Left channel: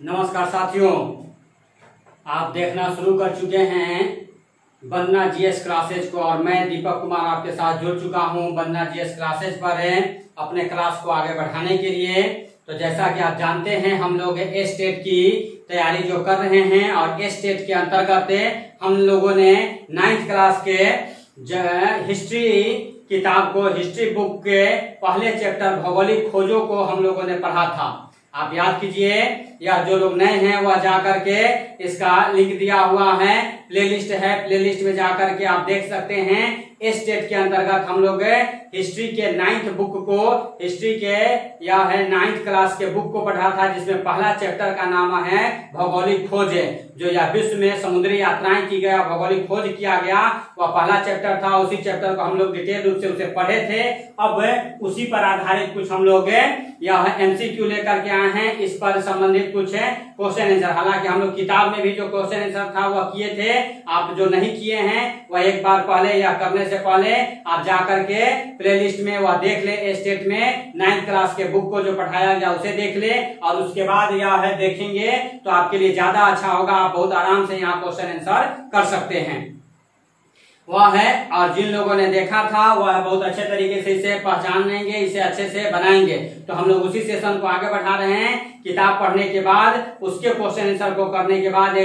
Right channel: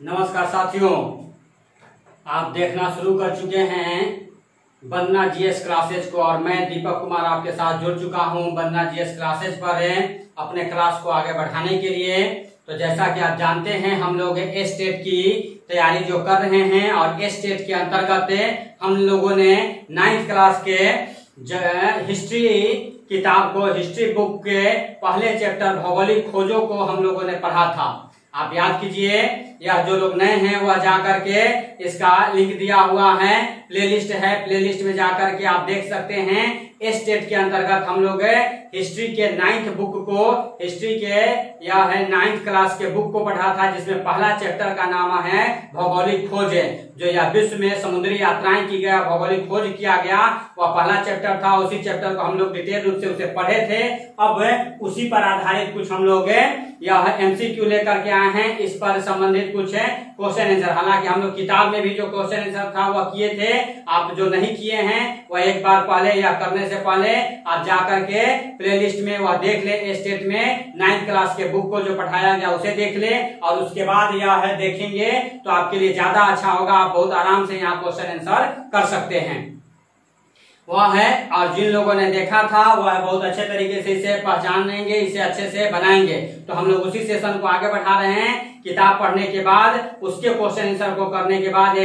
नमस्कार साथियों, आप देखना शुरू कर चुके हैं वंदना जीएस क्लासेज को और मैं दीपक कुमार आपके साथ जुड़ चुका हूं वंदना जीएस क्लासेज पर अपने क्लास को आगे बढ़ाने के लिए। तो जैसा कि आप जानते हैं हम लोग एस टेट की तैयारी जो कर रहे हैं और एस टेट के अंतर्गत हम लोगों ने 9th क्लास के हिस्ट्री किताब को, हिस्ट्री बुक के पहले चैप्टर भौगोलिक खोजों को हम लोगों ने पढ़ा था। आप याद कीजिए, या जो लोग नए हैं वह जाकर के इसका लिंक दिया हुआ है, प्लेलिस्ट है, प्लेलिस्ट में जाकर के आप देख सकते हैं। एस टेट के अंतर्गत हम लोग हिस्ट्री के 9th बुक को, हिस्ट्री के यह है 9th क्लास के बुक को पढ़ा था, जिसमें पहला चैप्टर का नाम है भौगोलिक खोज, जो यह विश्व में समुद्री यात्राएं की गया, भौगोलिक खोज किया गया, वह पहला चैप्टर था। उसी चैप्टर को हम लोग डिटेल रूप से उसे पढ़े थे। अब उसी पर आधारित कुछ हम लोग यह एमसीक्यू लेकर के आए हैं, इस पर संबंधित कुछ क्वेश्चन आंसर। हालांकि हम लोग किताब में भी जो क्वेश्चन आंसर था वह किए थे, आप जो नहीं किए हैं वह एक बार पहले या करने से पहले आप जाकर के प्लेलिस्ट में वह देख ले। एस टेट में 9th क्लास के बुक को जो पढ़ाया गया उसे देख ले और उसके बाद यह है देखेंगे तो आपके लिए ज्यादा अच्छा होगा। आप बहुत आराम से यहाँ क्वेश्चन आंसर कर सकते हैं। वह है, और जिन लोगों ने देखा था वह बहुत अच्छे तरीके से इसे पहचान लेंगे, इसे अच्छे से बनाएंगे। तो हम लोग उसी सेशन को आगे बढ़ा रहे हैं। किताब पढ़ने के बाद उसके क्वेश्चन आंसर को करने के बाद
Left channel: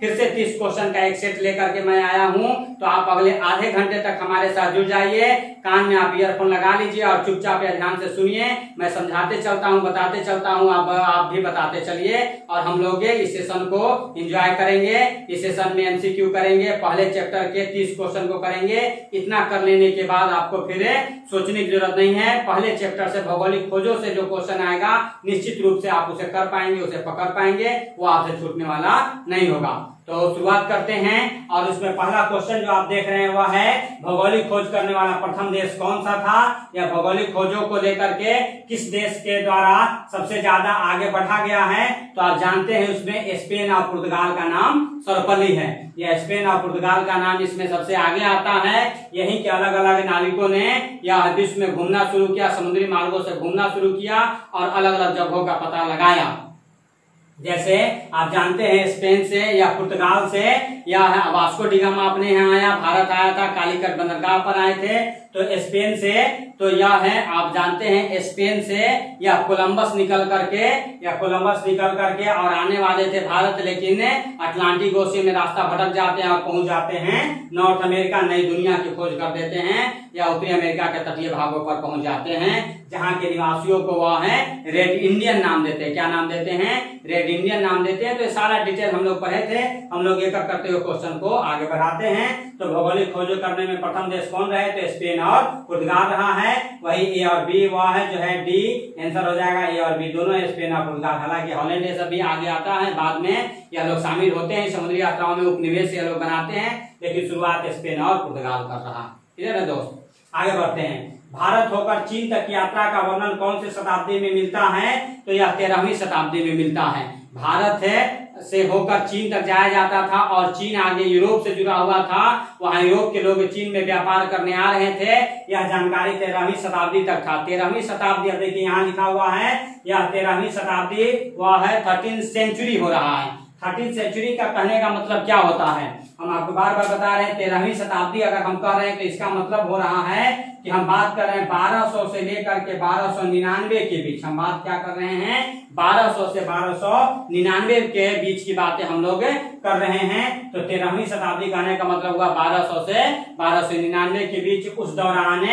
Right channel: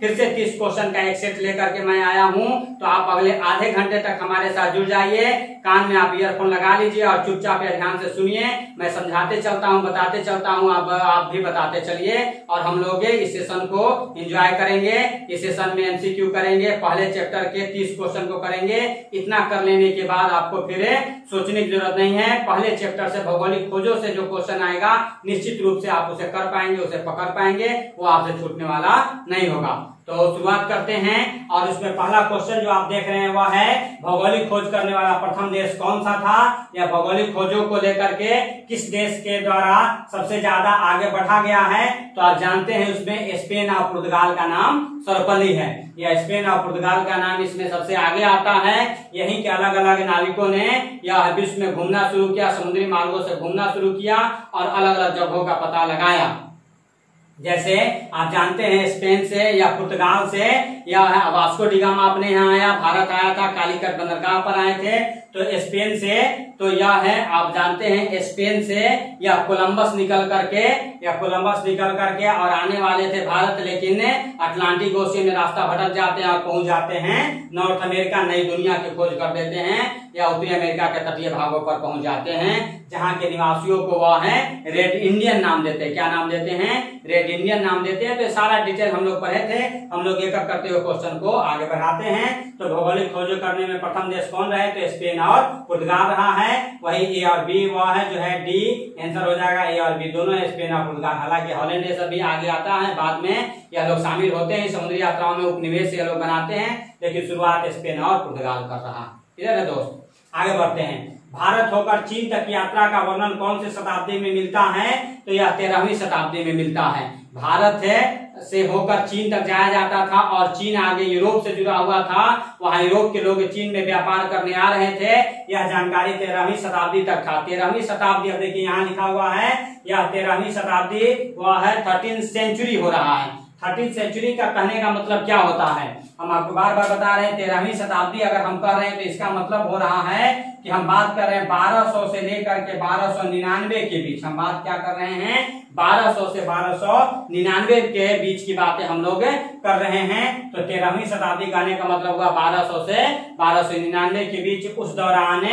फिर से 30 क्वेश्चन का एक सेट लेकर के मैं आया हूं। तो आप अगले आधे घंटे तक हमारे साथ जुड़ जाइए। कान में आप ईयरफोन लगा लीजिए और चुपचाप या ध्यान से सुनिए। मैं समझाते चलता हूं, बताते चलता हूं, आप भी बताते चलिए और हम लोग इस सेशन को एंजॉय करेंगे। इस सेशन में एमसीक्यू करेंगे, पहले चैप्टर के 30 क्वेश्चन को करेंगे। इतना कर लेने के बाद आपको फिर सोचने की जरूरत नहीं है। पहले चैप्टर से भौगोलिक खोजों से जो क्वेश्चन आएगा निश्चित रूप से आप उसे कर पाएंगे, उसे पकड़ पाएंगे, वो आपसे छूटने वाला नहीं होगा। तो शुरुआत करते हैं और इसमें पहला क्वेश्चन जो आप देख रहे हैं वह है भौगोलिक खोज करने वाला प्रथम देश कौन सा था, या भौगोलिक खोजों को लेकर के किस देश के द्वारा सबसे ज्यादा आगे बढ़ा गया है। तो आप जानते हैं उसमें स्पेन और पुर्तगाल का नाम सर्वपल्ली है। यह स्पेन और पुर्तगाल का नाम इसमें सबसे आगे आता है। यहीं के अलग अलग नाविकों ने यह विश्व में घूमना शुरू किया, समुद्री मार्गों से घूमना शुरू किया और अलग अलग जगहों का पता लगाया। जैसे आप जानते हैं स्पेन से या पुर्तगाल से या वास्को डिगामा अपने यहाँ आया, भारत आया था, कालीकट बंदरगाह पर आए थे। तो स्पेन से तो यह है, आप जानते हैं स्पेन से या कोलंबस निकल करके और आने वाले थे भारत, लेकिन अटलांटिक ओशियन में रास्ता भटक जाते हैं और पहुंच जाते हैं नॉर्थ अमेरिका, नई दुनिया की खोज कर देते हैं या उत्तरी अमेरिका के तटीय भागों पर पहुंच जाते हैं, जहां के निवासियों को वह है रेड इंडियन नाम देते हैं। क्या नाम देते हैं? रेड इंडियन नाम देते हैं। तो ये सारा डिटेल हम लोग पढ़े थे। हम लोग एक एक करते हुए क्वेश्चन को आगे बढ़ाते हैं। तो भौगोलिक खोज करने में प्रथम देश कौन रहे? तो स्पेन और पुर्तगाल रहा है। वही ए और बी वह है जो है डी आंसर हो जाएगा। ए और बी दोनों स्पेन और पुर्तगाल। हालांकि हॉलैंड ये सब भी आगे आता है, बाद में यह लोग शामिल होते हैं समुद्री यात्राओं में, उपनिवेश ये लोग बनाते हैं, लेकिन शुरुआत स्पेन और पुर्तगाल कर रहा। क्लियर है दोस्त? आगे बढ़ते हैं। भारत होकर चीन तक यात्रा का वर्णन कौन सी शताब्दी में मिलता है? तो यह 13वीं शताब्दी में मिलता है। भारत से होकर चीन तक जाया जाता था और चीन आगे यूरोप से जुड़ा हुआ था। वहां यूरोप के लोग चीन में व्यापार करने आ रहे थे। यह जानकारी 13वीं शताब्दी तक था। 13वीं शताब्दी, अब देखिए यहाँ लिखा हुआ है, यह 13वीं शताब्दी वह है 13th सेंचुरी हो रहा है। 13th सेंचुरी का कहने का मतलब क्या होता है? हम आपको बार बार बता रहे हैं 13वीं शताब्दी अगर हम कह रहे हैं तो इसका मतलब हो रहा है कि हम बात कर रहे हैं 1200 से लेकर के 1299 के बीच। हम बात क्या कर रहे हैं? 1200 से 1299 के बीच की बातें हम लोग कर रहे हैं। तो 13वीं शताब्दी कहने का मतलब हुआ 1200 से 1299 के बीच। उस दौरान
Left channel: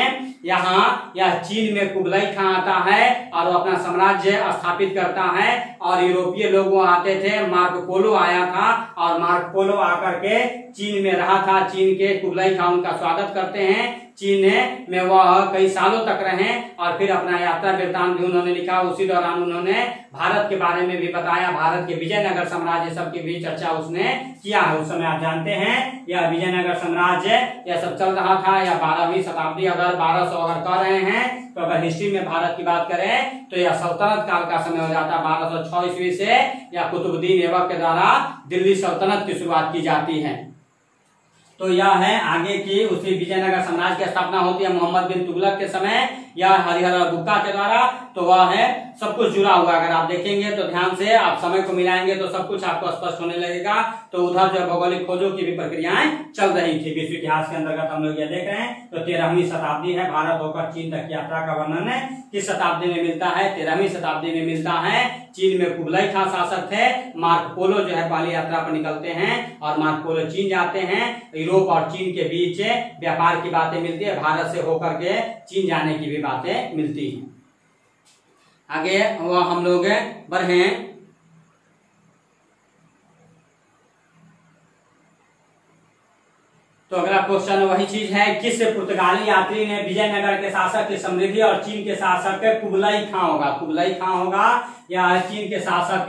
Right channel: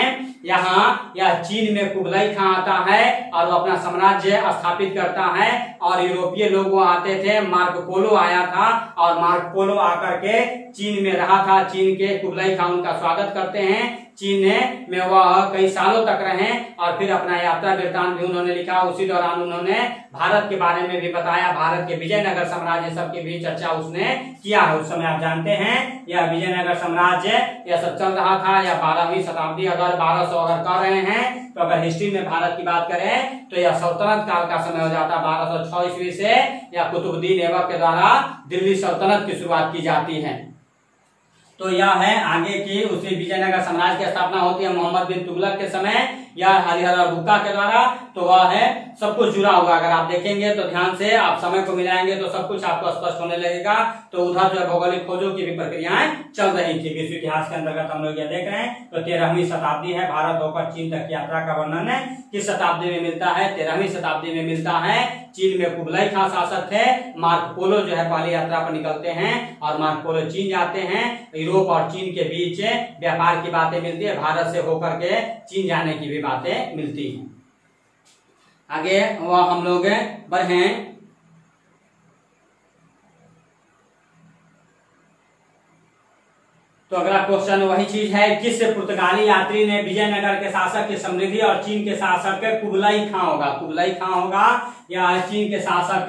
यहाँ या चीन में कुबलाई खां आता है और वो अपना साम्राज्य स्थापित करता है और यूरोपीय लोग वो आते थे। मार्को पोलो आया था और मार्को पोलो आकर के चीन में रहा था। चीन के कुबलाई खां उनका स्वागत करते हैं। चीन में वह कई सालों तक रहे और फिर अपना यात्रा वृत्तांत भी उन्होंने लिखा। उसी दौरान उन्होंने भारत के बारे में भी बताया। भारत के विजयनगर साम्राज्य सबकी भी चर्चा उसने किया है। उस समय आप जानते हैं यह विजयनगर साम्राज्य यह सब चल रहा था। या 12वीं शताब्दी अगर 1200 अगर कर रहे हैं तो अगर हिस्ट्री में भारत की बात करें तो यह सल्तनत काल का समय हो जाता। 1206 ईस्वी से या कुतुबुद्दीन ऐबक के द्वारा दिल्ली सल्तनत की शुरुआत की जाती है। तो यह है आगे की उसी विजयनगर साम्राज्य की स्थापना होती है मोहम्मद बिन तुगलक के समय या हरिहर और बुक्का के द्वारा। तो वह है सब कुछ जुड़ा हुआ, अगर आप देखेंगे तो ध्यान से आप समय को मिलाएंगे तो सब कुछ आपको स्पष्ट होने लगेगा। तो उधर जो भौगोलिक खोजों की भी प्रक्रियाएं चल रही थी विश्व इतिहास के अंतर्गत हम लोग ये देख रहे हैं। तो 13वीं शताब्दी है, भारत होकर चीन तक की यात्रा का वर्णन किस शताब्दी में मिलता है? 13वीं शताब्दी में मिलता है। चीन में कुबलाई खान शासक थे, मार्को पोलो जो है पहली यात्रा पर निकलते हैं और मार्को पोलो चीन जाते हैं। यूरोप और चीन के बीच व्यापार की बातें मिलती है, भारत से होकर के चीन जाने की भी बातें मिलती हैं। आगे वह हम लोग बढ़े। तो अगला क्वेश्चन वही चीज है, किस पुर्तगाली यात्री ने विजयनगर के शासक की समृद्धि और चीन के शासक कुबलाई खां होगा, कुबलाई खां होगा या चीन के शासक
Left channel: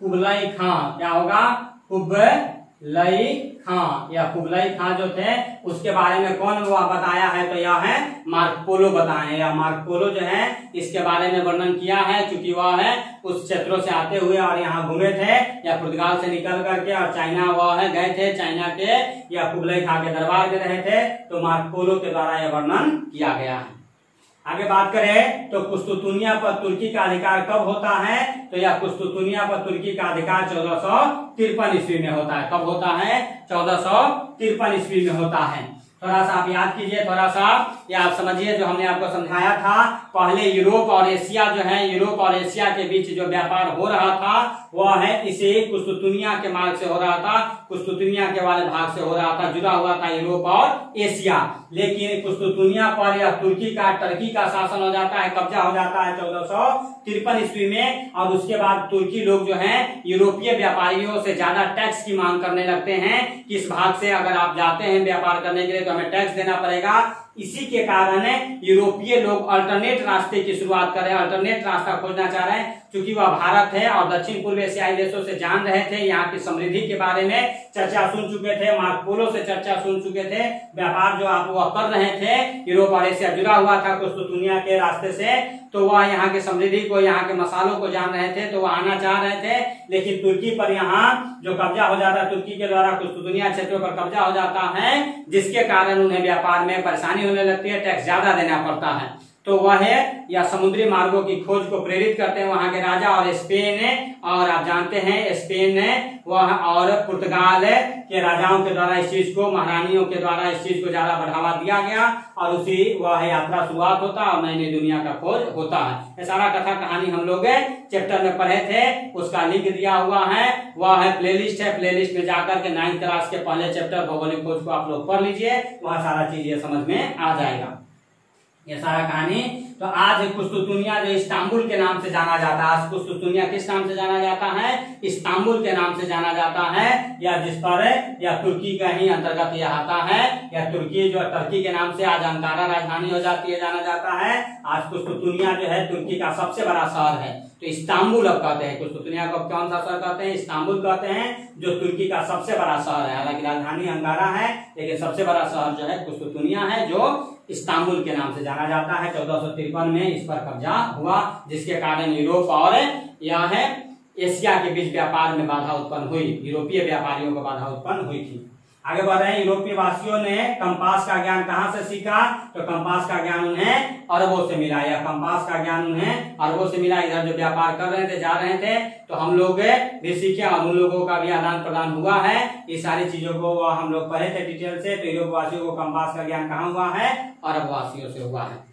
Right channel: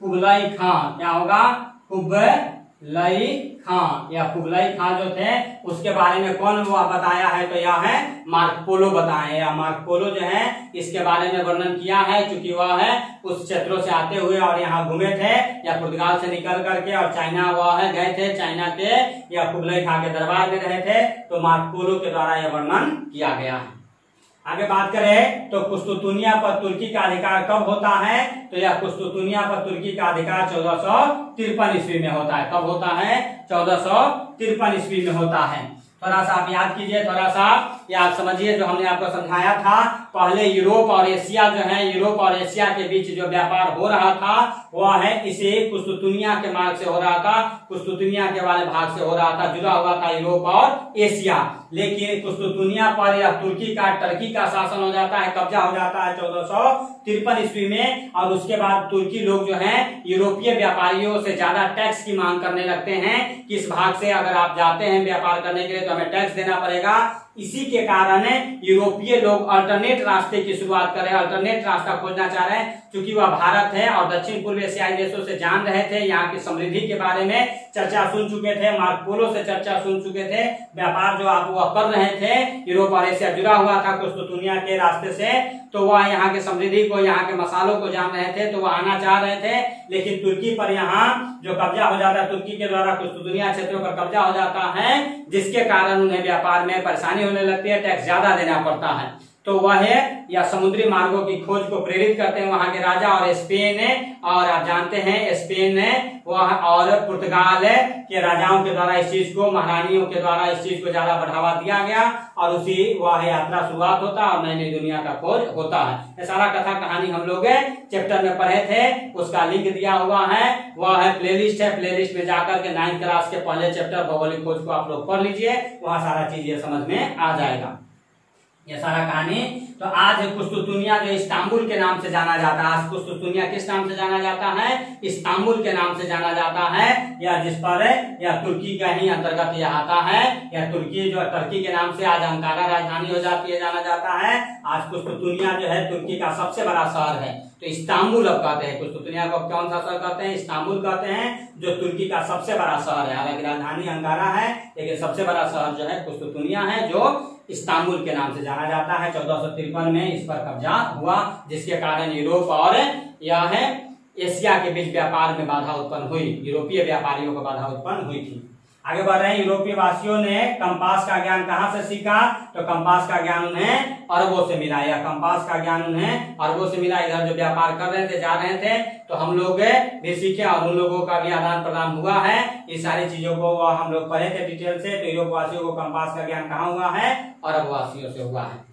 कुबलाई खां क्या होगा? कुबलाई खां या कुबलाई खां जो थे उसके बारे में कौन वो बताया है? तो यह है मार्को पोलो बताए, या मार्को पोलो जो है इसके बारे में वर्णन किया है, क्योंकि वह है उस क्षेत्रों से आते हुए और यहाँ घूमे थे या पुर्तगाल से निकल करके और चाइना वह है गए थे, चाइना के या कुबलाई खां के दरबार में रहे थे। तो मार्को पोलो के द्वारा यह वर्णन किया गया है। आगे बात करें तो कुस्तुतुनिया पर तुर्की का अधिकार कब होता है? तो यह कुस्तुतुनिया पर तुर्की का अधिकार 1453 ईस्वी में होता है। कब होता है? 1453 ईस्वी में होता है। थोड़ा सा आप याद कीजिए, थोड़ा सा या आप समझिए जो हमने आपको समझाया था। पहले यूरोप और एशिया जो है, यूरोप और एशिया के बीच जो व्यापार हो रहा था वह है इसे कुस्तुतुनिया के मार्ग से हो रहा था, कुस्तुतुनिया के वाले भाग से हो रहा था, जुड़ा हुआ था यूरोप और एशिया। लेकिन कुस्तुतुनिया पर यह टर्की का शासन हो जाता है, कब्जा हो जाता है 1453 ईस्वी में। और उसके बाद तुर्की लोग जो है यूरोपीय व्यापारियों से ज्यादा टैक्स की मांग करने लगते हैं कि इस भाग से अगर आप जाते हैं व्यापार करने के लिए तो हमें टैक्स देना पड़ेगा। इसी के कारण यूरोपीय लोग अल्टरनेट रास्ते की शुरुआत कर रहे हैं, अल्टरनेट रास्ता खोजना चाह रहे हैं, क्योंकि वह भारत है और दक्षिण पूर्व एशियाई देशों से जान रहे थे, यहाँ की समृद्धि के बारे में चर्चा सुन चुके थे, मार्को पोलो से चर्चा सुन चुके थे। व्यापार जो आप वह कर रहे थे, यूरोप और एशिया जुड़ा हुआ था कुस्तुतुनिया के रास्ते से, तो वह यहाँ की समृद्धि को, यहाँ के मसालों को जान रहे थे, तो वह आना चाह रहे थे। लेकिन तुर्की पर यहाँ जो कब्जा हो जाता है, तुर्की के द्वारा कुस्तुतुनिया क्षेत्रों पर कब्जा हो जाता है, जिसके कारण उन्हें व्यापार में परेशानी होने लगती है, टैक्स ज्यादा देना पड़ता है। तो वह या समुद्री मार्गों की खोज को प्रेरित करते हैं वहां के राजा और स्पेन, और आप जानते हैं स्पेन वह और पुर्तगाल के राजाओं के द्वारा इस चीज को, महारानियों के द्वारा इस चीज को ज्यादा बढ़ावा दिया गया और उसी वह यात्रा शुरुआत होता है और नई नई दुनिया का खोज होता है। ये सारा कथा कहानी हम लोग चैप्टर में पढ़े थे, उसका लिंक दिया हुआ है, वह है प्लेलिस्ट है, प्लेलिस्ट में जाकर के 9th क्लास के पहले चैप्टर भौगोलिक खोज को आप लोग पढ़ लीजिए, वहां सारा चीज ये समझ में आ जाएगा, ये सारा कहानी। तो आज कुस्तुतुनिया जो इस्तांबुल के नाम से जाना जाता है, आज कुस्तुतुनिया किस नाम से जाना जाता है? इस्तांबुल के नाम से जाना जाता है, या जिस पर या तुर्की का ही अंतर्गत यह आता है, या तुर्की जो टर्की के नाम से आज अंकारा राजधानी हो जाती है, जाना जाता है। आज कुस्तुतुनिया जो है तुर्की का सबसे बड़ा शहर है, तो इस्तांबुल अब कहते हैं, कुस्तुतुनिया को कौन सा शहर कहते हैं? इस्तांबुल कहते हैं, जो तुर्की का सबसे बड़ा शहर है। हालांकि राजधानी अंकारा है, लेकिन सबसे बड़ा शहर जो है कुस्तुतुनिया है, जो इस्तांबुल के नाम से जाना जाता है। 1453 में इस पर कब्जा हुआ, जिसके कारण यूरोप और यह है एशिया के बीच व्यापार में बाधा उत्पन्न हुई, यूरोपीय व्यापारियों को बाधा उत्पन्न हुई थी। आगे बढ़ रहे हैं, यूरोपीय वासियों ने कंपास का ज्ञान कहाँ से सीखा? तो कंपास का ज्ञान उन्हें अरबों से मिला, या कंपास का ज्ञान उन्हें अरबों से मिला। इधर जो व्यापार कर रहे थे, जा रहे थे, तो हम लोग भी सीखे और उन लोगों का भी आदान प्रदान हुआ है। ये सारी चीजों को हम लोग पढ़े थे डिटेल से। तो यूरोप वासियों को कंपास का ज्ञान कहाँ हुआ है? अरब वासियों से हुआ है।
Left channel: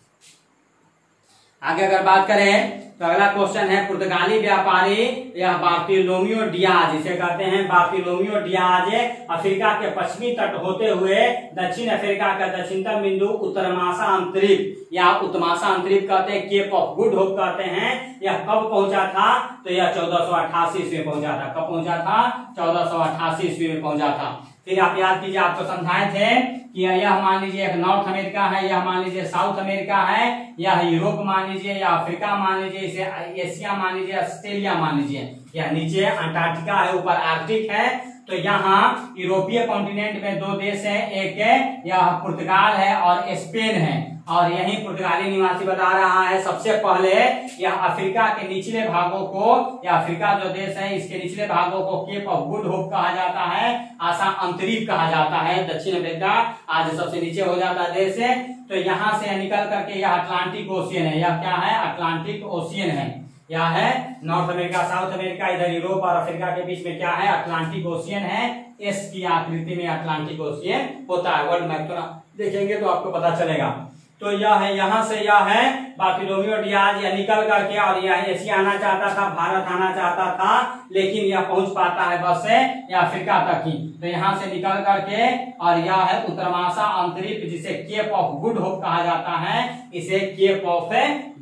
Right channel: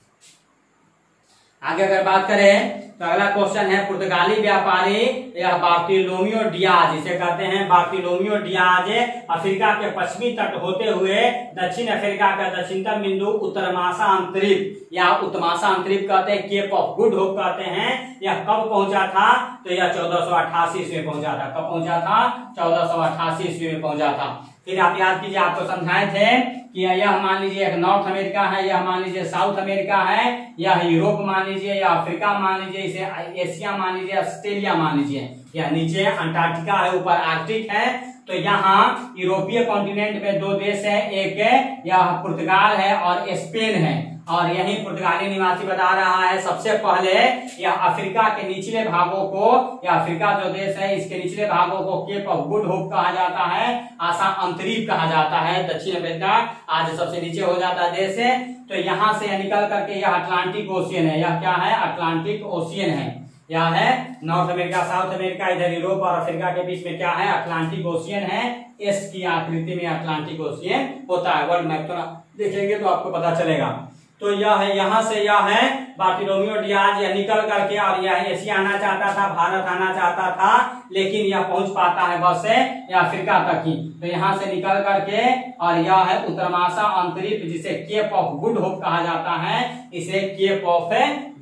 आगे अगर बात करें तो अगला क्वेश्चन है, पुर्तगाली व्यापारी यह बार्टिलोमियो डियाज, इसे कहते हैं बार्टिलोमियो डियाज, अफ्रीका के पश्चिमी तट होते हुए दक्षिण अफ्रीका का दक्षिणतम बिंदु उत्तरमासा अंतरिप या उत्तमासा अंतरिप कहते हैं, केप ऑफ गुड होप कहते हैं, यह कब पहुंचा था? तो यह 1488 ईस्वी में पहुंचा था। कब पहुंचा था? 1488 ईस्वी में पहुंचा था। फिर आप याद कीजिए, आपको समझाए थे कि यह मान लीजिए एक नॉर्थ अमेरिका है, यह मान लीजिए साउथ अमेरिका है, यह यूरोप मान लीजिए, या अफ्रीका मान लीजिए, इसे एशिया मान लीजिए, ऑस्ट्रेलिया मान लीजिए, या नीचे अंटार्कटिका है, ऊपर आर्कटिक है। तो यहाँ यूरोपीय कॉन्टिनेंट में दो देश है, एक यह पुर्तगाल है और स्पेन है, और यही पुर्तगाली निवासी बता रहा है सबसे पहले यह अफ्रीका के निचले भागों को, या अफ्रीका जो देश है इसके निचले भागों को केप ऑफ गुड होप कहा जाता है, आशा अंतरीप कहा जाता है। दक्षिण अफ्रीका आज सबसे नीचे हो जाता है देश है। तो यहाँ से निकल करके यह अटलांटिक ओशियन है, यह क्या है, अटलांटिक ओशियन है। यह है नॉर्थ अमेरिका, साउथ अमेरिका, इधर यूरोप और अफ्रीका के बीच में क्या है, अटलांटिक ओशियन है। एस की आकृति में अटलांटिक ओशियन होता है। वर्ल्ड मैप थोड़ा देखेंगे तो आपको पता चलेगा। तो यह है, यहाँ से यह है बार्थोलोमेव डियाज, यह निकल करके और यह एशिया आना चाहता था, भारत आना चाहता था, लेकिन यह पहुंच पाता है बस से या अफ्रीका तक ही। तो यहाँ से निकल करके और यह है उत्तरमाशा अंतरिक्ष, जिसे केप ऑफ गुड होप कहा जाता है, इसे केप ऑफ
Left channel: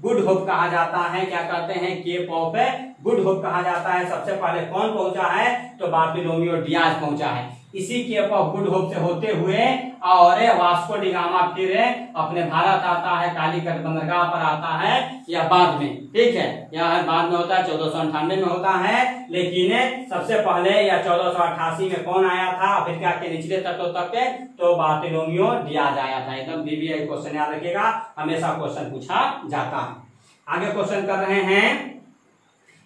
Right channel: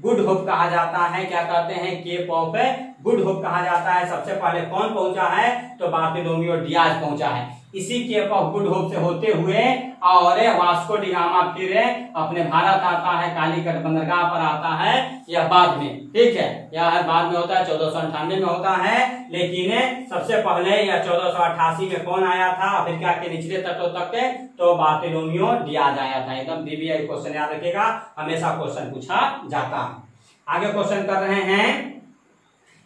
गुड होप कहा जाता है। क्या कहते हैं, केप ऑफ गुड होप कहा जाता है। सबसे पहले कौन पहुंचा है, तो बार्थोलोमेव डियाज पहुंचा है। इसी केप ऑफ गुड होप से होते हुए और वास्को डी गामा फिर अपने भारत आता है, कालीकट बंदरगाह पर आता है, यह बाद में, ठीक है, यह बाद में होता है, 1498 में होता है। लेकिन सबसे पहले यह 1488 में कौन आया था अफ्रीका के निचले तटों तक, तो बार्थोलोमेव डियाज आया था। एकदम डीबीआई क्वेश्चन याद रखिएगा, हमेशा क्वेश्चन पूछा जाता है। आगे क्वेश्चन कर रहे हैं,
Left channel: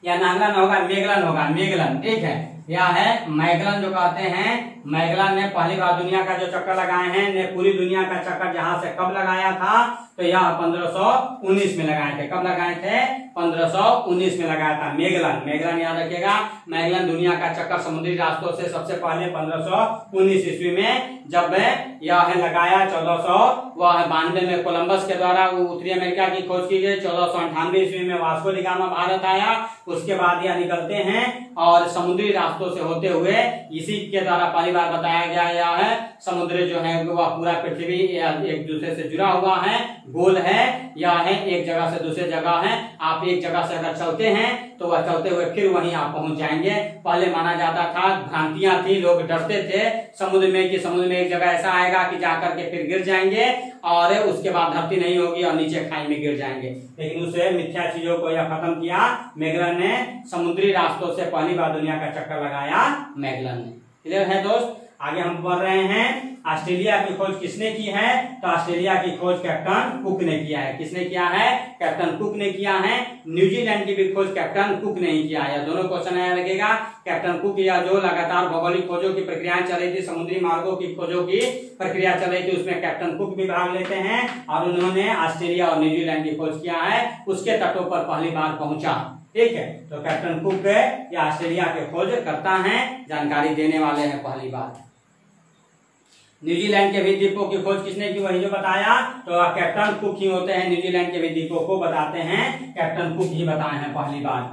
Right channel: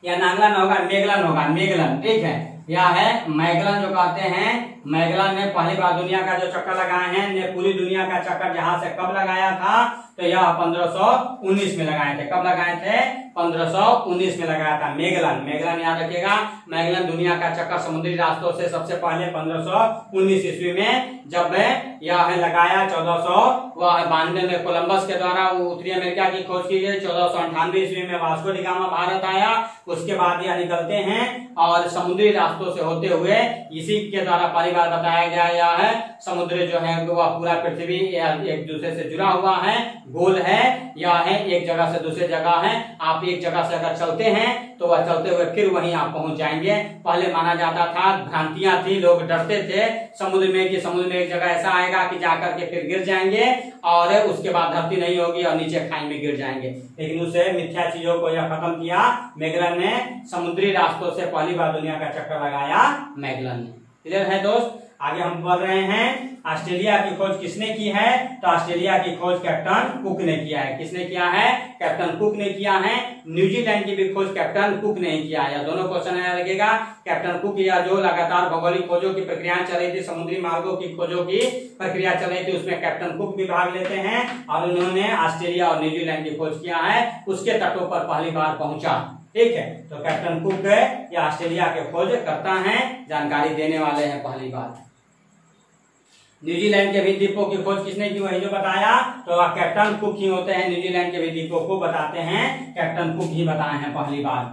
या नांगलन होगा, मेगलन होगा, मेगलन, ठीक है, यह है मैगलन जो कहते हैं। मैगलन ने पहली बार दुनिया का जो चक्कर लगाए हैं, ने पूरी दुनिया का चक्कर जहां से कब लगाया था, तो यह 1519 में लगाए थे। कब लगाए थे, 1519 में लगाया था मेगलन। मेगलन याद रखिएगा, मैगलन दुनिया का चक्कर समुद्री रास्तों से सबसे पहले 1519 ईस्वी में जब यह लगाया। 1492 में कोलंबस के द्वारा उत्तरी अमेरिका की खोज की गई। 1498 ईस्वी में वास्को डी गामा भारत आया। उसके बाद यह निकलते हैं और समुद्री रास्तों से होते हुए इसी के द्वारा पहली बार बताया गया यह है समुद्र जो है वह पूरा पृथ्वी एक दूसरे से जुड़ा हुआ है, गोल है, यह है एक जगह से दूसरे जगह है। आप एक जगह से अगर चलते हैं तो वह चलते हुए फिर वहीं आप पहुंच जाएंगे। पहले माना जाता था, भ्रांतियां थी, लोग डरते थे समुद्र में कि समुद्र में एक जगह ऐसा आएगा कि जाकर के फिर गिर जाएंगे और उसके बाद धरती नहीं होगी और नीचे खाई में गिर जाएंगे। लेकिन उसे मिथ्या चीजों को यह खत्म किया मैगलन ने। समुद्री रास्तों से पहली बार दुनिया का चक्कर लगाया मैगलन ने। क्लियर है दोस्त? आगे हम बढ़ रहे हैं। ऑस्ट्रेलिया की खोज किसने की है, तो ऑस्ट्रेलिया की खोज कैप्टन कुक ने किया है। किसने किया है, कैप्टन कुक ने किया है। न्यूजीलैंड की भी खोज कैप्टन कुक ने ही किया है। दोनों क्वेश्चन याद रखिएगा। कैप्टन कुक या जो लगातार भौगोलिक खोजों की प्रक्रियाएं चल रही थी, समुद्री मार्गों की खोजों की प्रक्रिया चल रही थी, उसमें कैप्टन कुक भी भाग लेते हैं और उन्होंने ऑस्ट्रेलिया और न्यूजीलैंड की खोज किया है। उसके तटों पर पहली बार पहुंचा, ठीक है। तो कैप्टन कुक या ऑस्ट्रेलिया के खोज करता है, जानकारी देने वाले हैं पहली बार। न्यूजीलैंड के भी द्वीपों की खोज किसने की, वही जो बताया, तो कैप्टन कुक ही होते हैं। न्यूजीलैंड के भी द्वीपों को बताते हैं कैप्टन कुक ही बताए हैं पहली बार।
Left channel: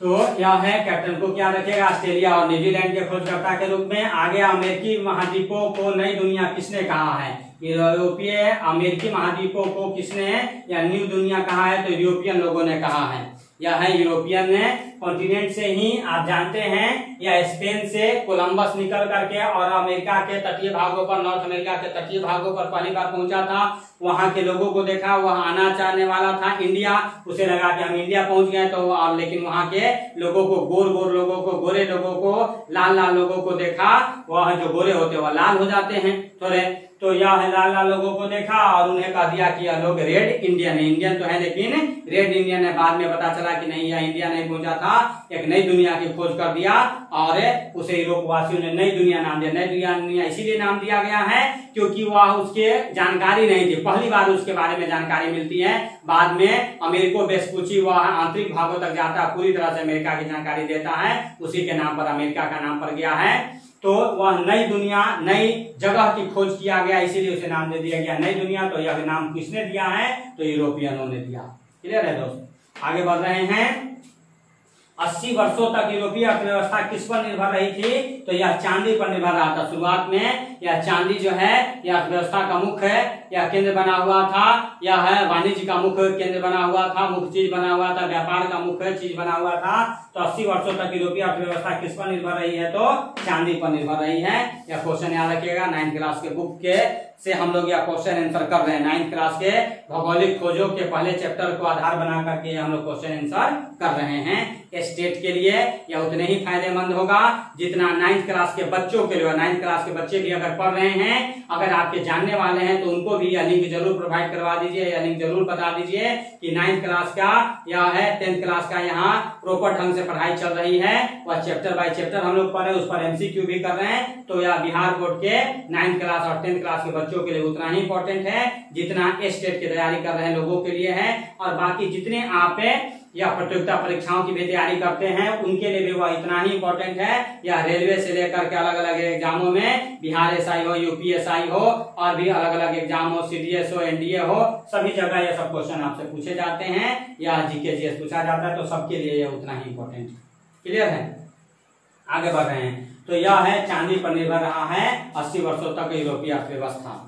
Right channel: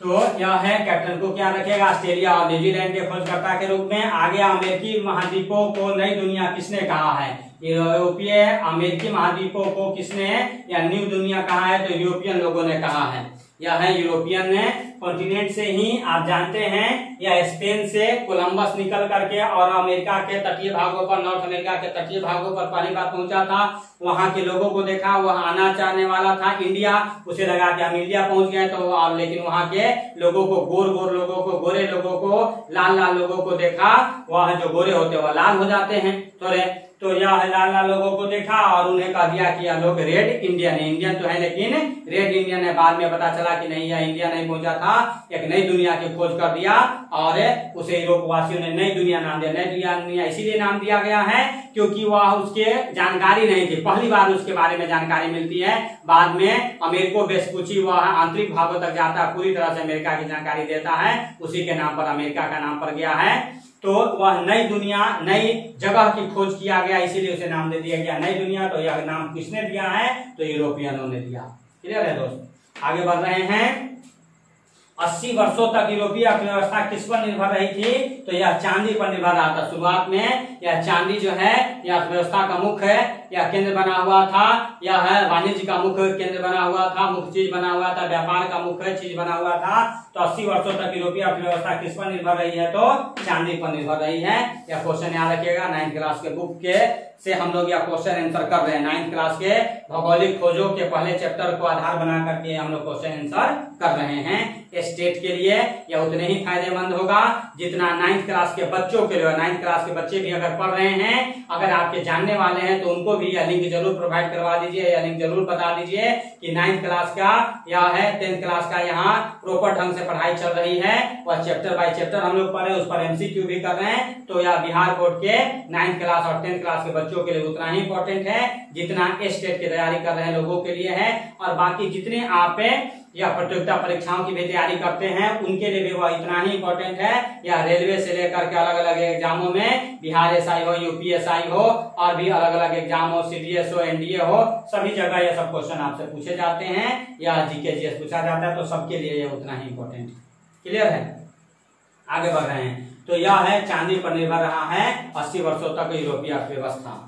तो यह है कैप्टन कुक, याद रखिएगा, ऑस्ट्रेलिया और न्यूजीलैंड के खोजकर्ता के रूप में। आगे अमेरिकी महाद्वीपों को नई दुनिया किसने कहा है, यूरोपीय अमेरिकी महाद्वीपों को किसने या न्यू दुनिया कहा है, तो यूरोपियन लोगों ने कहा है। यह है यूरोपियन ने कॉन्टिनेंट से ही आप जानते हैं, या स्पेन से कोलंबस निकल करके और अमेरिका के तटीय भागों पर, नॉर्थ अमेरिका के तटीय भागों पर पहली बार पहुंचा था। वहां के लोगों को देखा, वह आना चाहने वाला था इंडिया, उसे लगा कि हम इंडिया पहुंच गए। तो लेकिन वहां के लोगों को, गोर लोगों को, गोरे लोगों को, लाल लोगों को देखा। वह जो गोरे होते वह लाल हो जाते हैं थोड़े, तो यह लाल लोगों को देखा और उन्हें कह दिया कि यह लोग रेड इंडियन है। इंडियन तो है लेकिन रेड इंडियन है। बाद में पता चला कि नहीं, यह इंडिया नहीं पहुंचा था, एक नई दुनिया की खोज कर दिया और उसे यूरोप वासियों ने नई दुनिया नाम दिया। नई दुनिया इसीलिए नाम दिया गया है क्योंकि वह उसके जानकारी नहीं थी, पहली बार उसके बारे में जानकारी मिलती है। बाद में अमेरिको वेस्पुची वह आंतरिक भागों तक जाता है, पूरी तरह से अमेरिका की जानकारी देता है, उसी के नाम पर अमेरिका का नाम पड़ गया है। तो वह नई दुनिया, नई जगह की खोज किया गया, इसीलिए उसे नाम दे दिया गया नई दुनिया। तो यह नाम किसने दिया है, तो यूरोपियनों ने दिया। क्लियर है दोस्त? आगे बढ़ रहे हैं। 80 वर्षों तक यूरोपीय अर्थव्यवस्था किस पर निर्भर रही थी, तो यह चांदी पर निर्भर रहा था। शुरुआत में यह चांदी जो है यह अर्थव्यवस्था का मुख्य है, यह केंद्र बना हुआ था। यह है वाणिज्य का मुख्य केंद्र बना हुआ था, मुख्य चीज बना हुआ था, व्यापार का मुख्य चीज बना हुआ था। तो 80 वर्षों तक यूरोपीय अर्थव्यवस्था किस पर निर्भर रही है, तो चांदी पर निर्भर रही है। यह क्वेश्चन याद रखिएगा, 9th क्लास के बुक के से हम लोग यह क्वेश्चन आंसर कर रहे हैं। 9th क्लास के भौगोलिक खोजों के पहले चैप्टर को आधार बना करके हम लोग क्वेश्चन आंसर कर रहे हैं। स्टेट के लिए यह उतने ही फायदेमंद होगा जितना 9th क्लास के बच्चों के लिए। 9th क्लास के बच्चे भी अगर पढ़ रहे हैं, अगर आपके जानने वाले हैं, तो उनको भी यह लिंक जरूर प्रोवाइड करवा दीजिए, यह लिंक जरूर बता दीजिए कि 9th क्लास का या है 10th क्लास का यहाँ प्रॉपर ढंग से पढ़ाई चल रही है। वह चैप्टर बाय चैप्टर हम लोग पढ़ रहे हैं, उस पर MCQ भी कर रहे हैं। तो यह बिहार बोर्ड के 9th क्लास और 10th क्लास के बच्चों के लिए उतना ही इंपॉर्टेंट है जितना स्टेट की तैयारी कर रहे हैं लोगों के लिए है। और बाकी जितने आप या प्रतियोगिता परीक्षाओं की भी तैयारी करते हैं उनके लिए भी वह इतना ही इंपॉर्टेंट है। या रेलवे से लेकर के अलग अलग एग्जामों में, बिहार SI हो, UPSI हो, और भी अलग अलग एग्जाम हो, CDS हो, NDA हो, सभी जगह ये सब क्वेश्चन आपसे पूछे जाते हैं या GK GS पूछा जाता है। तो सबके लिए ये उतना ही इंपॉर्टेंट। क्लियर है? आगे बढ़ रहे हैं। तो यह है चांदी पर निर्भर रहा है 80 वर्षों तक यूरोपीय अर्थव्यवस्था।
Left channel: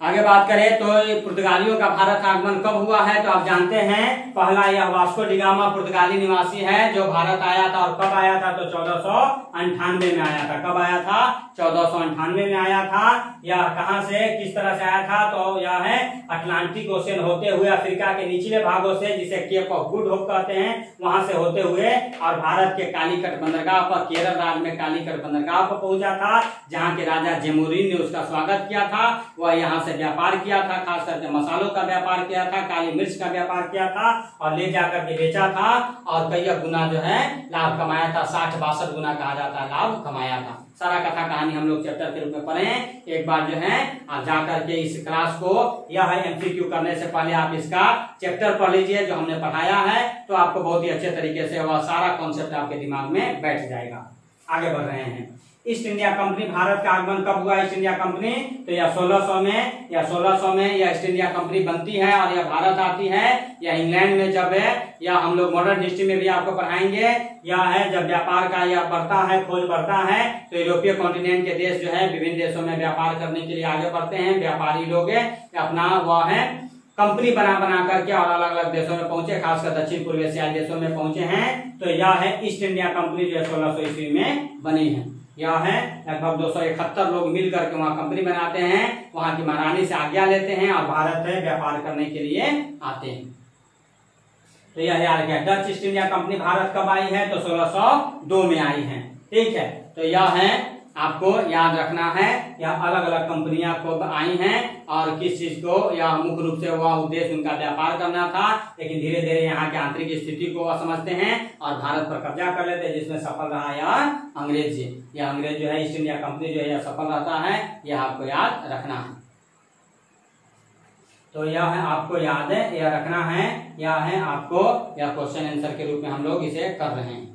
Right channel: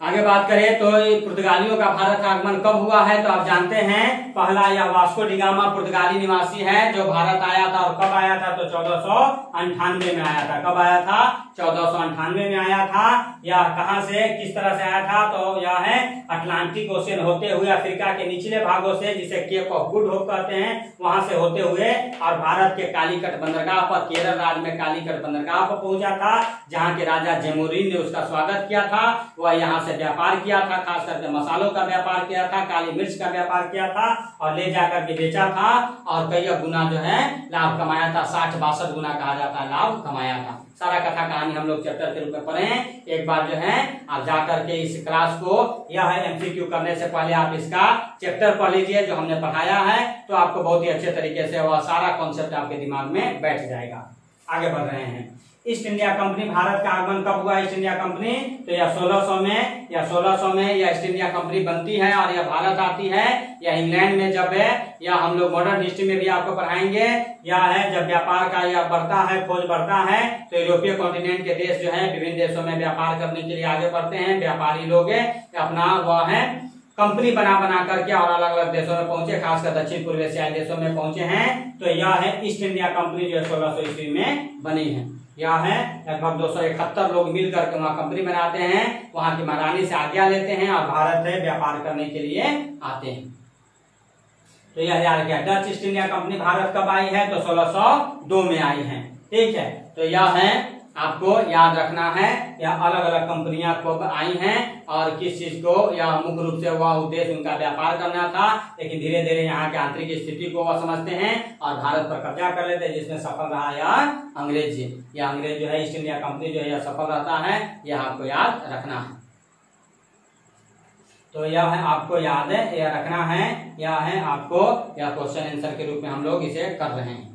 आगे बात करें तो पुर्तगालियों का भारत आगमन कब हुआ है, तो आप जानते हैं पहला यह वास्को डी गामा पुर्तगाली निवासी है जो भारत आया था। और कब आया था, तो 1498 में आया था। कब आया था? 1498 में आया था। या कहां से, किस तरह से आया था, तो यह है अटलांटिक ओशियन होते हुए अफ्रीका के निचले भागों से, जिसे केप ऑफ गुड होप कहते हैं, वहां से होते हुए और भारत के कालीकट बंदरगाह पर, केरल राज्य में कालीकट बंदरगाह पर पहुंचा था, जहां के राजा जेमुरीन ने उसका स्वागत किया था। वह यहाँ से व्यापार किया था, खास करके मसालों का व्यापार किया था, काली मिर्च का व्यापार किया था और ले जाकर के बेचा था और कई गुना जो है लाभ कमाया था। 60-62 गुना कहा जाता है लाभ कमाया था। सारा कथा कहानी हम लोग चैप्टर के रूप में पढ़े हैं। एक बार जो है आप जाकर के इस क्लास को, यह है MCQ करने से पहले आप इसका चैप्टर पढ़ लीजिए जो हमने पढ़ाया है, तो आपको बहुत ही अच्छे तरीके से वह सारा कॉन्सेप्ट आपके दिमाग में बैठ जाएगा। आगे बढ़ रहे हैं। ईस्ट इंडिया कंपनी, भारत का आगमन कब हुआ ईस्ट इंडिया कंपनी, तो यह 1600 में यह ईस्ट इंडिया कंपनी बनती है और यह भारत आती है। यह इंग्लैंड में जब है, या हम लोग मॉडर्न हिस्ट्री में भी आपको पढ़ाएंगे, यह है जब व्यापार का यह बढ़ता है, खोज बढ़ता है, तो यूरोपीय कॉन्टिनेंट के देश जो है विभिन्न देशों में व्यापार करने के लिए आगे बढ़ते हैं। व्यापारी लोग अपना वह है कंपनी बना करके और अलग अलग देशों में पहुंचे, खासकर दक्षिण पूर्व एशियाई देशों में पहुंचे हैं। तो यह है ईस्ट इंडिया कंपनी जो 1600 ईस्वी में बनी है। यह है लगभग 271 लोग मिलकर के वहाँ कंपनी बनाते हैं, वहाँ की महारानी से आज्ञा लेते हैं और भारत में व्यापार करने के लिए आते हैं। तो यह याद किया। Dutch east India company Bharat कब आई है, तो 1602 में आई है। ठीक है, तो यह है आपको याद रखना है। यह अलग अलग कंपनियां कब आई हैं और किस चीज को, या मुख्य रूप से वह उद्देश्य उनका व्यापार करना था, लेकिन धीरे धीरे यहाँ के आंतरिक स्थिति को वह समझते हैं और भारत पर कब्जा कर लेते हैं, जिसमें सफल रहा यार अंग्रेज जी। यह अंग्रेज जो है ईस्ट इंडिया कंपनी जो है यह सफल रहता है, यह आपको याद रखना है। तो यह है आपको याद है, यह रखना है, यह है आपको, यह क्वेश्चन आंसर के रूप में हम लोग इसे कर रहे हैं।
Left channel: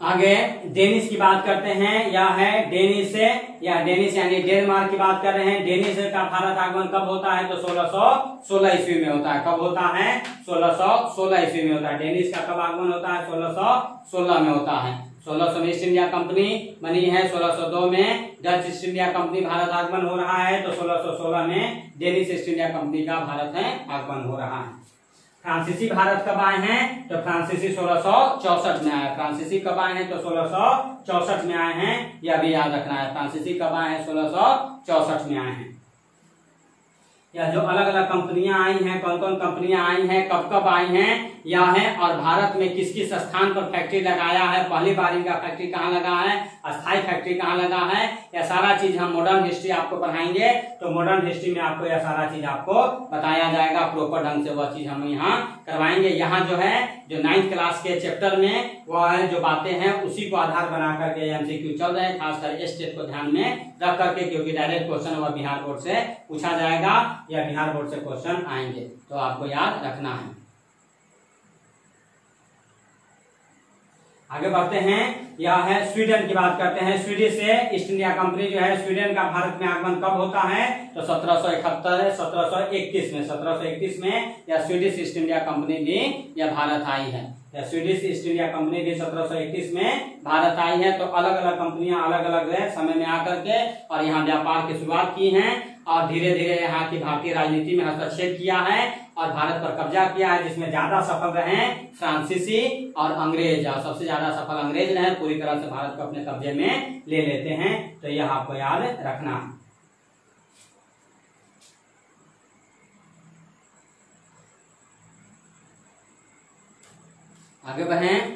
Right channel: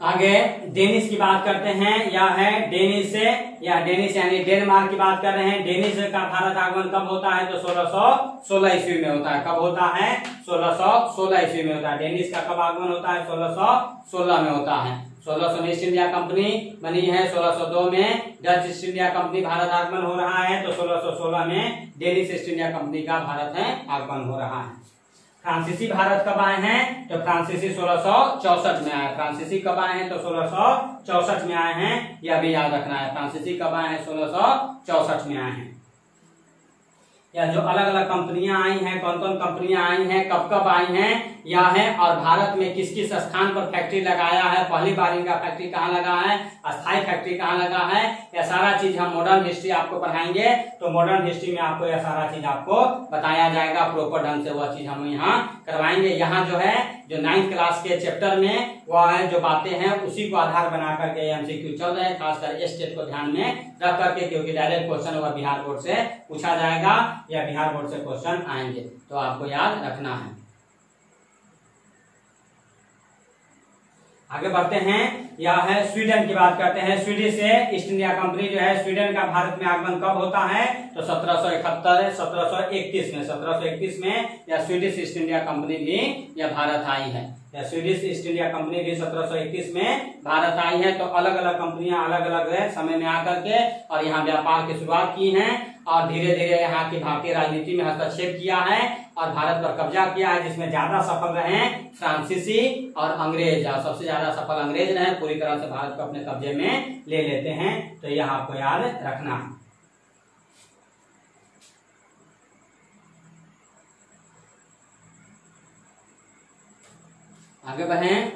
आगे डेनिश की बात करते हैं। यह है डेनिश से, या डेनिश यानी डेनमार्क की बात कर रहे हैं। डेनिश का भारत आगमन कब होता है, तो 1616 ईस्वी में होता है। कब होता है, 1616 ईस्वी में होता है। डेनिश का कब आगमन होता है, 1616 में होता है। 1600 में ईस्ट इंडिया कंपनी बनी है, 1602 में Dutch east India company Bharat आगमन हो रहा है, तो 1616 में डेनिश ईस्ट इंडिया कंपनी का भारत है आगमन हो रहा है। फ्रांसीसी भारत कब आए हैं, तो फ्रांसीसी 1664 में आए। फ्रांसीसी कब आए हैं, तो 1664 में आए हैं, यह भी याद रखना है। फ्रांसीसी कब आए हैं, 1664 में आए हैं। या जो अलग अलग कंपनियां आई हैं, कौन कौन कंपनियां आई हैं, कब कब आई हैं, यह है, और भारत में किस किस स्थान पर फैक्ट्री लगाया है, पहली बार इनका फैक्ट्री कहाँ लगा है, अस्थायी फैक्ट्री कहाँ लगा है, यह सारा चीज हम मॉडर्न हिस्ट्री आपको पढ़ाएंगे। तो मॉडर्न हिस्ट्री में आपको यह सारा चीज आपको बताया जाएगा, प्रॉपर ढंग से वह चीज हम यहाँ करवाएंगे। यहाँ जो है, जो 9th क्लास के चैप्टर में वह है जो बातें हैं उसी को आधार बना करके MCQ चल रहे हैं, खासकर इस स्टेट को ध्यान में रख करके, क्योंकि डायरेक्ट क्वेश्चन वह बिहार बोर्ड से पूछा जाएगा या बिहार बोर्ड से क्वेश्चन आएंगे, तो आपको याद रखना है। आगे बढ़ते हैं। यह है स्वीडन की बात करते हैं। स्वीडिश से ईस्ट इंडिया कंपनी जो है, स्वीडन का भारत में आगमन कब होता है, तो 1771 में। 1721 में यह स्वीडिश ईस्ट इंडिया कंपनी भी यह भारत आई है। या स्वीडिश ईस्ट इंडिया कंपनी भी 1721 में भारत आई है। तो अलग अलग कंपनियां अलग अलग समय में आकर के और यहाँ व्यापार की शुरुआत की हैं और धीरे धीरे यहाँ की भारतीय राजनीति में हस्तक्षेप किया है और भारत पर कब्जा किया है, जिसमें ज्यादा सफल रहे फ्रांसीसी और अंग्रेज, और सबसे ज्यादा सफल अंग्रेज रहे, पूरी तरह से भारत को अपने कब्जे में ले लेते हैं। तो यह आपको याद रखना है। आगे बढ़ें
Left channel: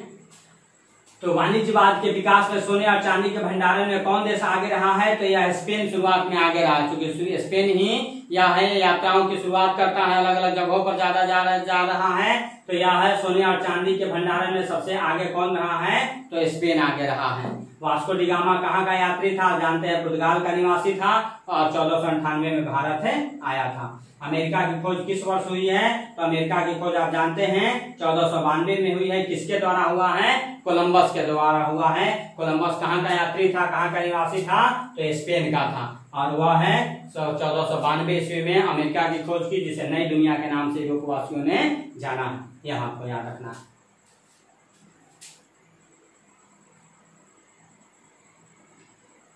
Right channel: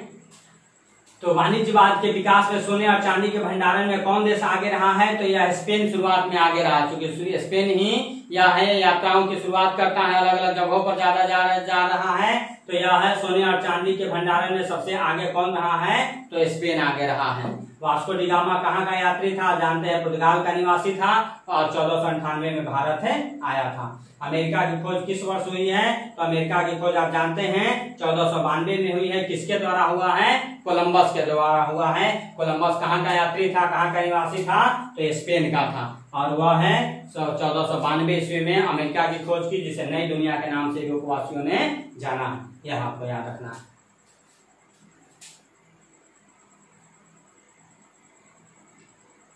तो वाणिज्यवाद के विकास में सोने और चांदी के भंडारण में कौन देश आगे रहा है? तो यह स्पेन शुरुआत में आगे रहा है, क्योंकि स्पेन ही यह है यात्राओं की शुरुआत करता है, अलग अलग जगहों पर ज्यादा जा रहा है। तो यह है सोने और चांदी के भंडारण में सबसे आगे कौन रहा है? तो स्पेन आगे रहा है। वास्को डी गामा कहाँ का यात्री था? जानते हैं, पुर्तगाल का निवासी था और 1498 में भारत आया था। अमेरिका की खोज किस वर्ष हुई है? तो अमेरिका की खोज आप जानते हैं 1492 में हुई है। किसके द्वारा हुआ है? कोलंबस के द्वारा हुआ है। कोलंबस कहाँ का यात्री था, कहाँ का निवासी था? तो स्पेन का था, और वह है 1492 ईस्वी में अमेरिका की खोज की, जिसे नई दुनिया के नाम से यूरोपवासियों ने जाना है। यह आपको याद रखना है।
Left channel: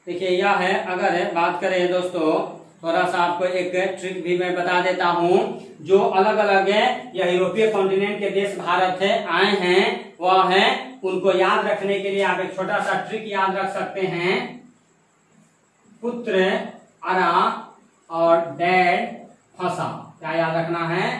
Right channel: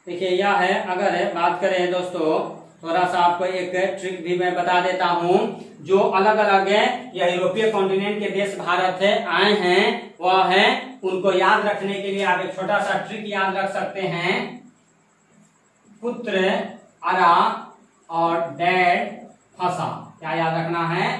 देखिए यह है, अगर बात करें दोस्तों, थोड़ा सा आपको एक ट्रिक भी मैं बता देता हूं। जो अलग अलग यह यूरोपीय कॉन्टिनेंट के देश भारत आए हैं, वह है उनको याद रखने के लिए आप एक छोटा सा ट्रिक याद रख सकते हैं। पुत्र अरा और डैड फंसा। क्या याद रखना है?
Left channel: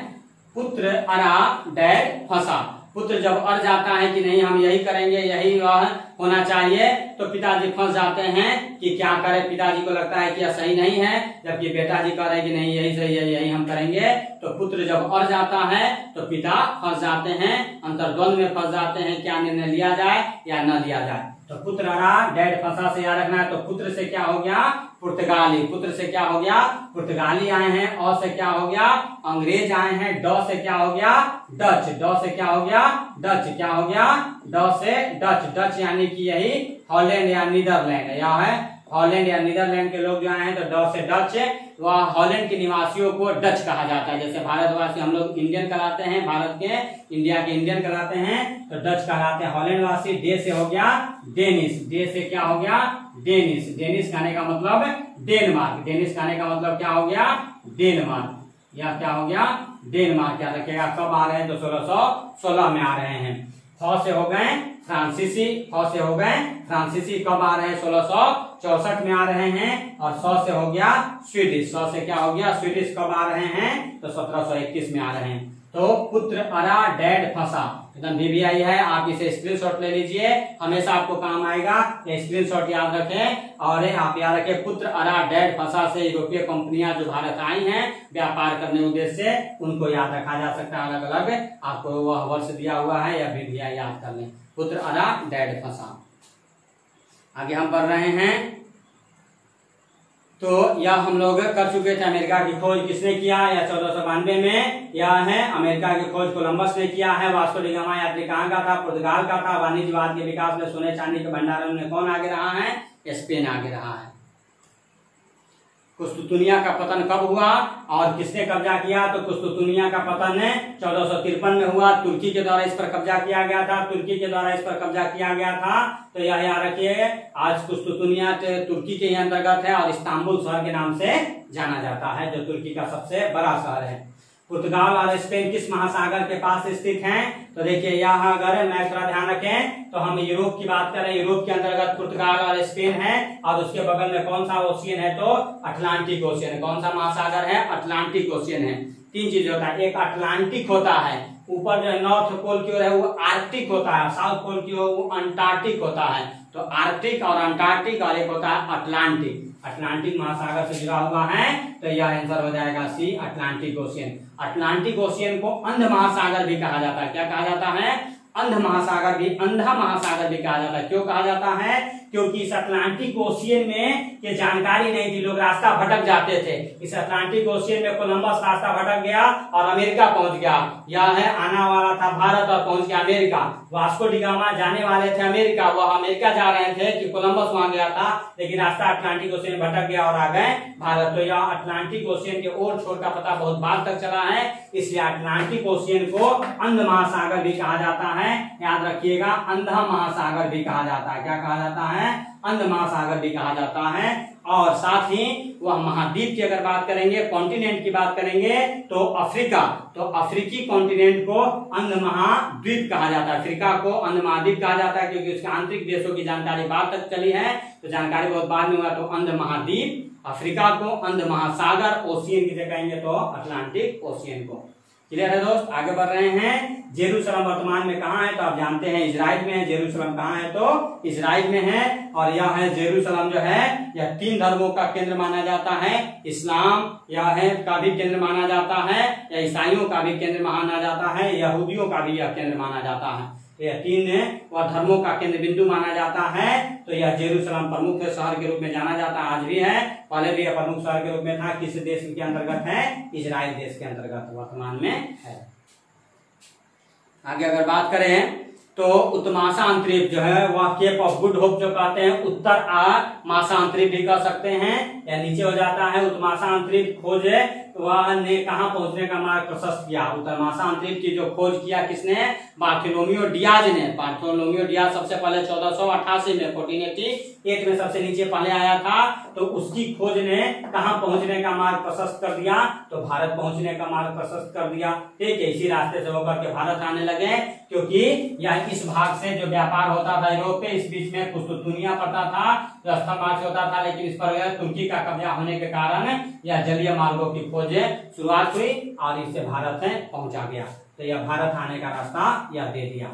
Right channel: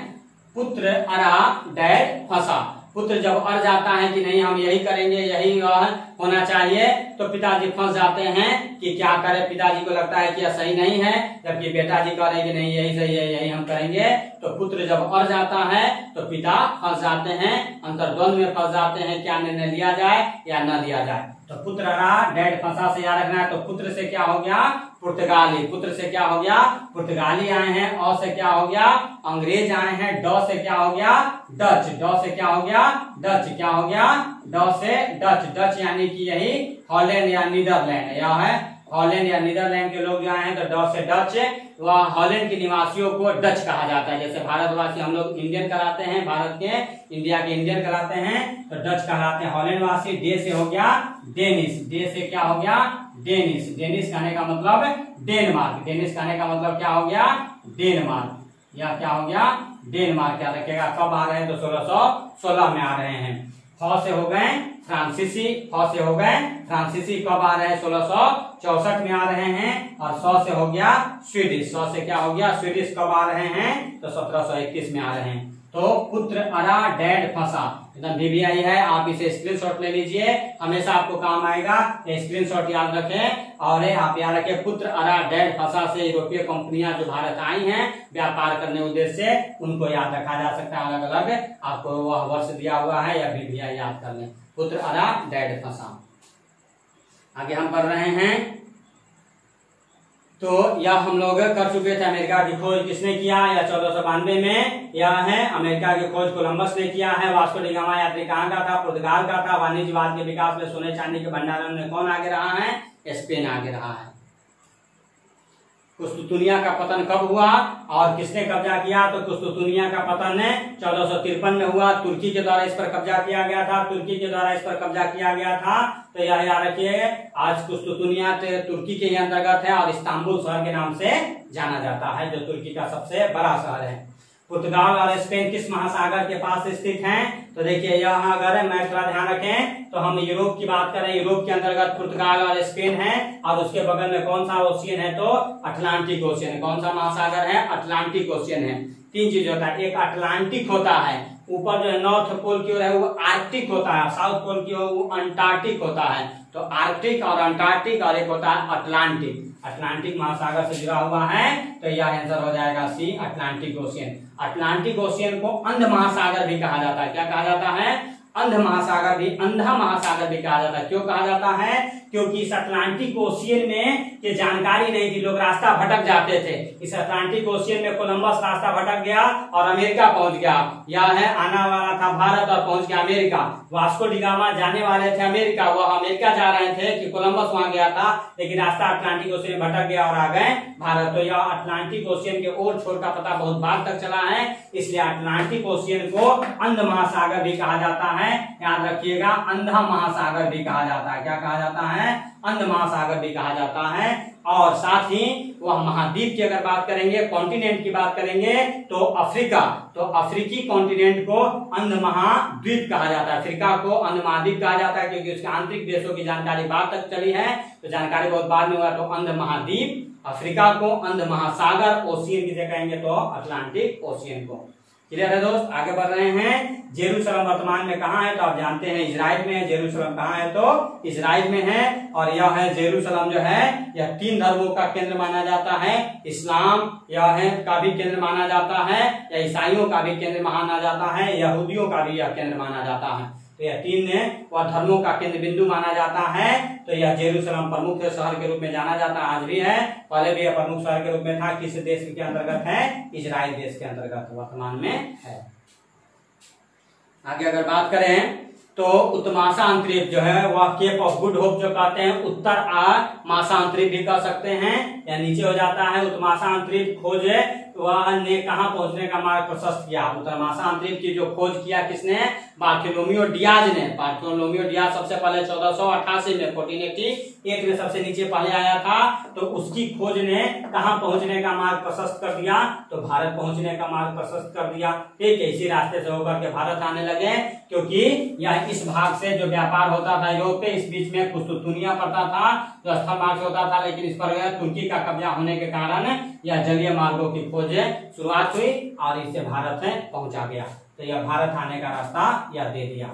पुत्र अरा डैड फंसा। पुत्र जब अड़ जाता है कि नहीं हम यही करेंगे, यही होना चाहिए, तो पिताजी फंस जाते हैं कि क्या करें। पिताजी को लगता है कि यह सही नहीं है, जबकि बेटाजी कह रहे हैं कि नहीं यही सही है, यही हम करेंगे। तो पुत्र जब अड़ जाता है तो पिता फंस जाते हैं, अंतर्द्वंद में फंस जाते हैं, क्या निर्णय लिया जाए या न लिया जाए। तो पुत्र अड़ा डैड फंसा से याद रखना है। तो पुत्र से क्या हो गया? पुर्तगाली। पुत्र से क्या हो गया? पुर्तगाली आए हैं। और से क्या हो गया? अंग्रेज आए हैं। ड से क्या हो गया? डच। ड से क्या हो गया? डच। क्या हो गया? ड से डच। डच यानी कि यही हॉलैंड या नीदरलैंड, या है हॉलैंड या नीदरलैंड के लोग जो आए हैं, तो ड से डच। वह हॉलैंड के निवासियों को डच कहा जाता है। जैसे भारतवासी हम लोग इंडियन कराते हैं, भारत के इंडिया के इंडियन कराते हैं, तो डच कहलाते हैं हॉलैंड वासी। डे से हो गया डेनिश। डे से क्या हो गया? डेनिश। डेनिश कहने का मतलब डेनमार्क। डेनिश कहने का मतलब क्या हो गया? डेनमार्क। या क्या हो गया? डेनमार्क। क्या रखेगा? कब आ रहे हैं? तो 1616 में आ रहे हैं। फ से हो गए फ्रांसीसी। फ से हो गए फ्रांसीसी। कब आ रहे हैं? 1664 में आ रहे हैं। और 100 से हो गया स्वीडिश। 100 से क्या हो गया? स्वीडिश। कब आ रहे हैं? तो 1721 में आ रहे हैं। तो पुत्र अरा डैड फंसा एकदम VVI है। आप इसे स्क्रीनशॉट ले लीजिए, हमेशा आपको काम आएगा। स्क्रीनशॉट याद रखें। और आप याद रखें, पुत्र अरा डैड फंसा से यूरोपीय कंपनियां जो भारत आई हैं व्यापार करने उद्देश्य से, उनको याद रखा जा सकता है। अलग अलग आपको वह वर्ष दिया हुआ है या VVI याद कर लें। पुत्र अरा डैड फंसा। आगे हम पढ़ रहे हैं। तो यह हम लोग कर चुके थे। अमेरिका की खोज किसने किया? या 1492 में। यह है अमेरिका की खोज कोलंबस ने किया है। वास्को डी गामा यात्री कहाँ का था? पुर्तगाल का था। वाणिज्यवाद के विकास में सोने चांदी के भंडारण में कौन आगे रहा है? स्पेन आगे रहा है। कुस्तुतुनिया का पतन कब हुआ और किसने कब्जा किया? तो कुस्तुतुनिया का पतन 1453 में हुआ। तुर्की के द्वारा इस पर कब्जा किया गया था। तुर्की के द्वारा इस पर कब्जा किया गया था। तो यह याद रखिए, आज कुस्तुतुनिया तुर्की के अंतर्गत है और इस्तांबुल शहर के नाम से जाना जाता है, जो तुर्की का सबसे बड़ा शहर है। पुर्तगाल और स्पेन किस महासागर के पास स्थित हैं? तो देखिए यहाँ अगर मैं थोड़ा ध्यान रखें तो हम यूरोप की बात करें, यूरोप के अंतर्गत पुर्तगाल और स्पेन है, और उसके बगल में कौन सा ओशियन है? तो अटलांटिक ओशियन है। कौन सा महासागर है? अटलांटिक ओशियन है। तीन चीज होता है, एक अटलांटिक होता है, ऊपर जो नॉर्थ पोल की ओर है वो आर्कटिक होता है, साउथ पोल की ओर वो अंटार्कटिक होता है। तो आर्कटिक और अंटार्कटिक, और एक होता है अटलांटिक। अटलांटिक महासागर से जुड़ा हुआ है, तो यह आंसर हो जाएगा सी, अटलांटिक ओशियन। अटलांटिक ओशियन को अंध महासागर भी कहा जाता है। क्या कहा जाता है? अंध महासागर भी, अंधा महासागर भी कहा जाता है। क्यों कहा जाता है? क्योंकि इस अटलांटिक ओशियन में ये जानकारी नहीं थी, लोग रास्ता भटक जाते थे। इस अटलांटिक ओशियन में कोलंबस रास्ता भटक गया और अमेरिका पहुंच गया। यह है आना वाला था भारत और पहुंच गया अमेरिका। वास्को डी गामा जाने वाले थे अमेरिका, वह अमेरिका जा रहे थे कि कोलंबस वहां गया था, लेकिन रास्ता अटलांटिक ओशियन भटक गया और आ गए भारत। तो यह अटलांटिक ओशियन के और छोर का पता बहुत बार तक चला है, इसलिए अटलांटिक ओशियन को अंध महासागर भी कहा जाता है। है, याद रखिएगा, अंधा महासागर भी कहा जाता है। क्या कहा जाता है? अंध महासागर भी कहा जाता है। और साथ ही वह महाद्वीप की अगर बात करेंगे, कॉन्टिनेंट की बात करेंगे, तो अफ्रीका, तो अफ्रीकी कॉन्टिनेंट को अंध महाद्वीप कहा जाता है। अफ्रीका को अंध महाद्वीप कहा जाता है क्योंकि उसके आंतरिक देशों की जानकारी बाद तक चली है, तो जानकारी बहुत बाद में हुआ, तो अंध महाद्वीप। अफ्रीका को अंध महासागर, ओशियन किसे कहेंगे? तो अटलांटिक ओशियन को। क्लियर है दोस्त? आगे बढ़ रहे हैं। जेरूसलम वर्तमान में कहाँ है? तो आप जानते हैं इजराइल में है। जेरूसलम कहाँ है? तो इजराइल में है। और यह है जेरूसलम जो है, यह 3 धर्मों का केंद्र माना जाता है। इस्लाम यह है का भी केंद्र माना जाता है, या ईसाइयों का भी केंद्र माना जाता है, यहूदियों का भी यह केंद्र माना जाता है। तो यह 3 वह धर्मों का केंद्र बिंदु माना जाता है। तो यह जेरूसलम प्रमुख शहर के रूप में जाना जाता है, आज भी है, पहले भी यह प्रमुख शहर के रूप में था। किस देश के अंतर्गत है? इजराइल देश के अंतर्गत वर्तमान में है। आगे अगर बात करें तो उत्तमाशांतरिप जो है वह केप ऑफ गुड होप जो कहते हैं, उत्तर माशांतरिप भी कह सकते हैं, या नीचे हो जाता है। उत्तमाशांतरिप खोज वह ने कहाँ पहुंचने का मार्ग प्रशस्त किया? उत्तमाशांतरिप की जो खोज किया किसने? बार्थोलोमियो डियाज ने। बार्थोलोमियो डियाज सबसे पहले 1488 में 1488 में सबसे नीचे पहले आया था। तो उसकी खोज ने कहाँ पहुंचने का मार्ग प्रशस्त कर दिया? तो भारत पहुंचने का मार्ग प्रशस्त कर दिया। ठीक है, इसी रास्ते से होकर के भारत आने लगे, क्योंकि यह इस भाग से जो व्यापार होता था यूरोप पे, इस बीच में कुस्तुतुनिया पड़ता था, जो स्थल मार्ग से होता था, लेकिन इस पर तुर्की का कब्जा होने के कारण यह जलीय मार्गों की खोज शुरुआत हुई और इससे भारत में पहुंचा गया। तो यह भारत आने का रास्ता यह दे दिया।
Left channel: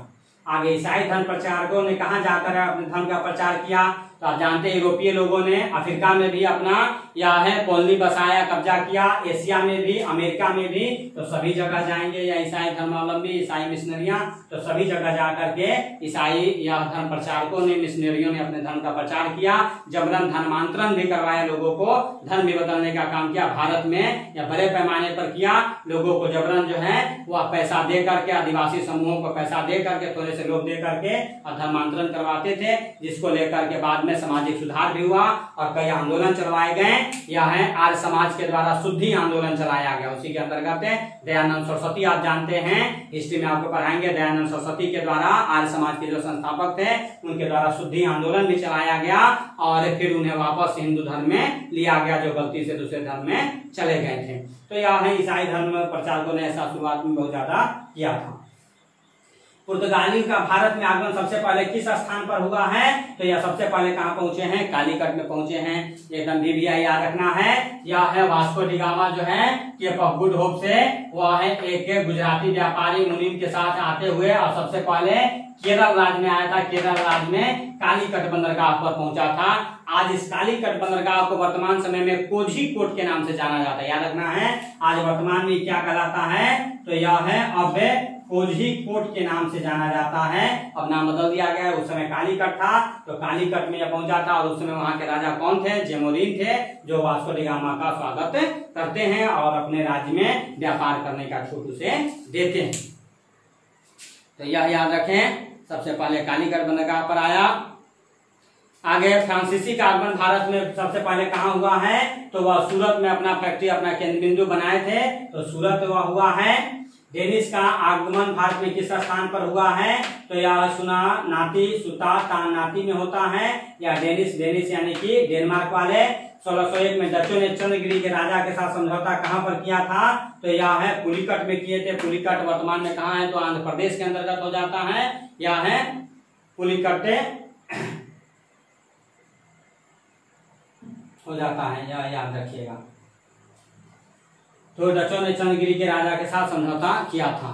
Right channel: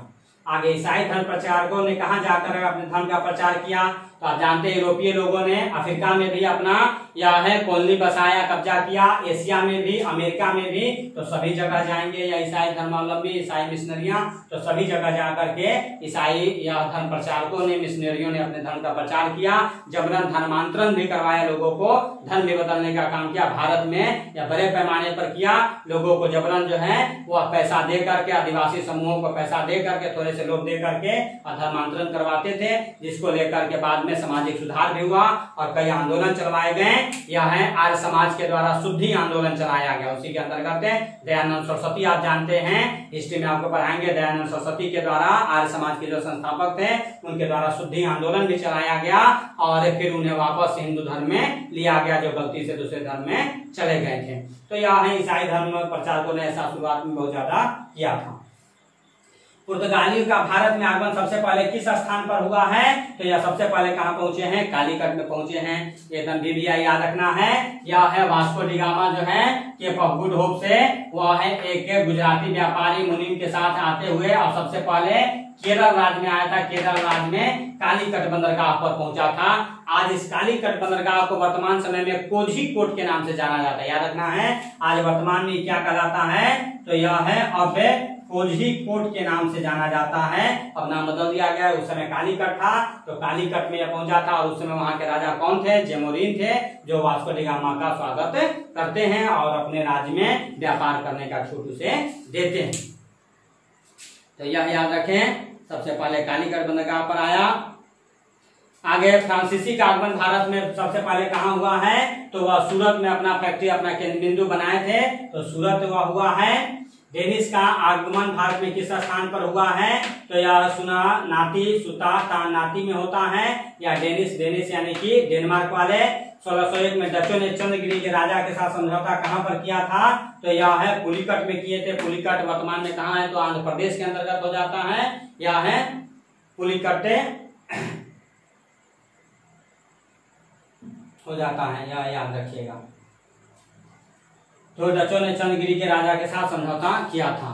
आगे ईसाई धर्म प्रचारकों ने कहाँ जाकर अपने धर्म का प्रचार किया? तो आप जानते हैं यूरोपीय लोगों ने अफ्रीका में भी अपना या है कॉलोनी बसाया, कब्जा किया, एशिया में भी, अमेरिका में भी। तो सभी जगह जाएंगे या ईसाई धर्मावलंबी, ईसाई मिशनरियां, तो सभी जगह जाकर के ईसाई या धर्म प्रचारकों ने, मिशनरियों ने अपने धर्म का प्रचार किया। जबरन धर्मांतरण भी करवाया, लोगों को धर्म भी बदलने का काम किया। भारत में या बड़े पैमाने पर किया, लोगों को जबरन जो है वह पैसा दे करके, आदिवासी समूहों को पैसा दे करके, थोड़े से लोग दे करके धर्मांतरण करवाते थे, जिसको लेकर के बाद में सामाजिक सुधार भी हुआ और कई आंदोलन चलवाए गए। यह है आर्य समाज के द्वारा शुद्धि आंदोलन चलाया गया, उसी के अंतर्गत दयानंद सरस्वती, आप जानते हैं, हिस्ट्री में आपको पढ़ाएंगे, दयानंद सरस्वती के द्वारा आर्य समाज के जो संस्थापक थे उनके द्वारा शुद्धि आंदोलन भी चलाया गया और फिर उन्हें वापस हिंदू धर्म में लिया गया, जो गलती से दूसरे धर्म में चले गए थे। तो यह है ईसाई धर्म प्रचारकों ने ऐसा शुरुआत में बहुत ज्यादा किया था। पुर्तगाली का भारत में आगमन सबसे पहले किस स्थान पर हुआ है? तो यह सबसे पहले कहाँ पहुंचे हैं? कालीकट में पहुंचे हैं। ये गंभीर याद रखना है। यह है वास्को डी गामा जो है केप ऑफ गुड होप से, वह है एक गुजराती व्यापारी मुनीम के साथ आते हुए और सबसे पहले केरल राज्य में आया था। केरल राज्य में कालीकट बंदरगाह पर पहुंचा था। आज इस कालीकट बंदरगाह को वर्तमान समय में कोझीकोड के नाम से जाना जाता है, याद रखना है। आज वर्तमान में क्या कहलाता है? तो यह है अब कोझीकोड के नाम से जाना जाता है। अब नाम बदल दिया गया है, उस समय कालीकट था, तो कालीकट में यह पहुंचा था और उस समय वहां के राजा कौन थे? जेमोरिन थे, जो वास्को डी गामा का स्वागत करते हैं और अपने राज्य में व्यापार करने का छूट उसे देते हैं। तो यह याद रखें, सबसे पहले कालीकट बंदरगाह पर आया। आगे फ्रांसीसी का आगमन भारत में सबसे पहले कहाँ हुआ है? तो वह सूरत में अपना फैक्ट्री, अपना केंद्र बिंदु बनाए थे, तो सूरत वह हुआ है। डेनिस का आगमन भारत में किस स्थान पर हुआ है? तो यह सुना नाती सुता तान नाती में होता है, या डेनिस, डेनिस यानी कि डेनमार्क वाले। 1601 में डचों ने चंद्रगिरी के राजा के साथ समझौता कहाँ पर किया था? तो यह है पुलिकट में किए थे। पुलिकट वर्तमान में कहाँ है? तो आंध्र प्रदेश के अंतर्गत हो जाता है। यह है पुलिकट हो जाता है, यह याद रखिएगा। तो डचों ने चंद्रगिरी के राजा के साथ समझौता किया था।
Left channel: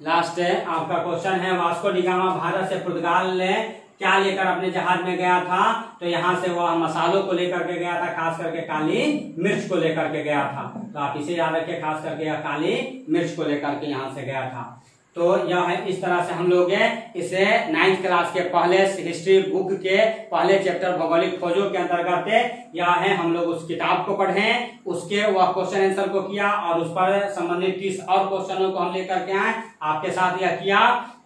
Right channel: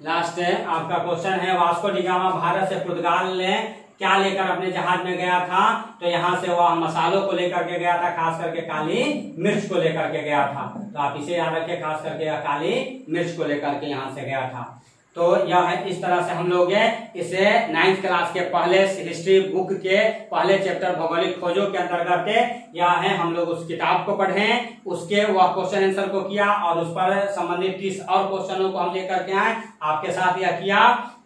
लास्ट आपका क्वेश्चन है, वास्को डी गामा भारत से पुर्तगाल ने क्या लेकर अपने जहाज में गया था? तो यहाँ से वह मसालों को लेकर के गया था, खास करके काली मिर्च को लेकर के गया था। तो आप इसे याद रखें, खास करके यह काली मिर्च को लेकर के यहाँ से गया था। तो यह है, इस तरह से हम लोग इसे 9th क्लास के पहले हिस्ट्री बुक के पहले चैप्टर भौगोलिक खोजों के अंतर्गत यह है, हम लोग उस किताब को पढ़े, उसके वह क्वेश्चन आंसर को किया और उस पर संबंधित 30 और क्वेश्चनों को हम लेकर के आए, आपके साथ यह किया।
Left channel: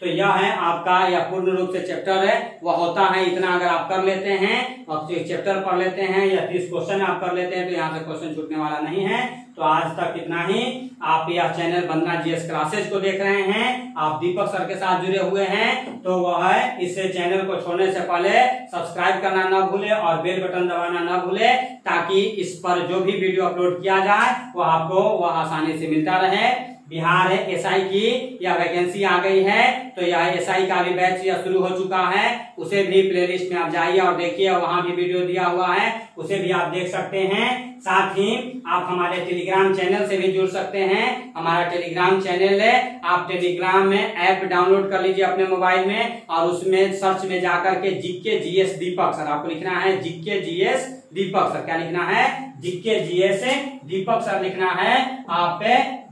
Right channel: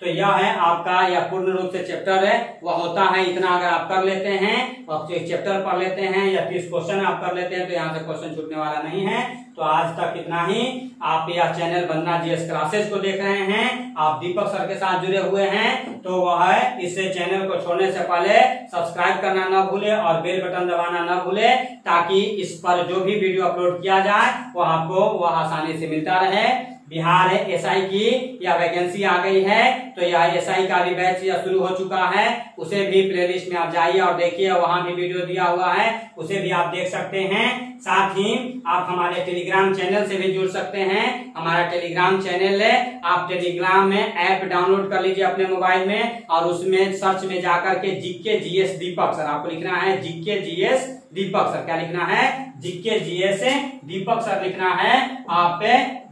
तो यह है आपका यह पूर्ण रूप से चैप्टर है वह होता है इतना। अगर आप कर लेते हैं और चैप्टर पढ़ लेते हैं या 30 क्वेश्चन आप कर लेते हैं तो यहाँ से क्वेश्चन छूटने वाला नहीं है। तो आज तक इतना ही। आप यह चैनल वंदना जीएस क्लासेज को देख रहे हैं, आप दीपक सर के साथ जुड़े हुए हैं, तो वह इस चैनल को छोड़ने से पहले सब्सक्राइब करना न भूले और बेल बटन दबाना न भूले, ताकि इस पर जो भी वीडियो अपलोड किया जाए वो आपको वह आसानी से मिलता रहे। बिहार एसआई की या वैकेंसी आ गई है, तो यह एसआई का भी बैच या शुरू हो चुका है, उसे भी प्लेलिस्ट में आप जाइए और देखिए, वहां भी वीडियो दिया हुआ है, उसे भी आप देख सकते हैं। साथ ही आप हमारे टेलीग्राम चैनल से भी जुड़ सकते हैं। हमारा टेलीग्राम चैनल है, आप टेलीग्राम में ऐप डाउनलोड कर लीजिए अपने मोबाइल में और उसमें सर्च में जाकर के जीके जीएस दीपक सर आपको लिखना है, जीके जीएस दीपक सर। क्या लिखना है? जीके जीएस दीपक सर लिखना है। आप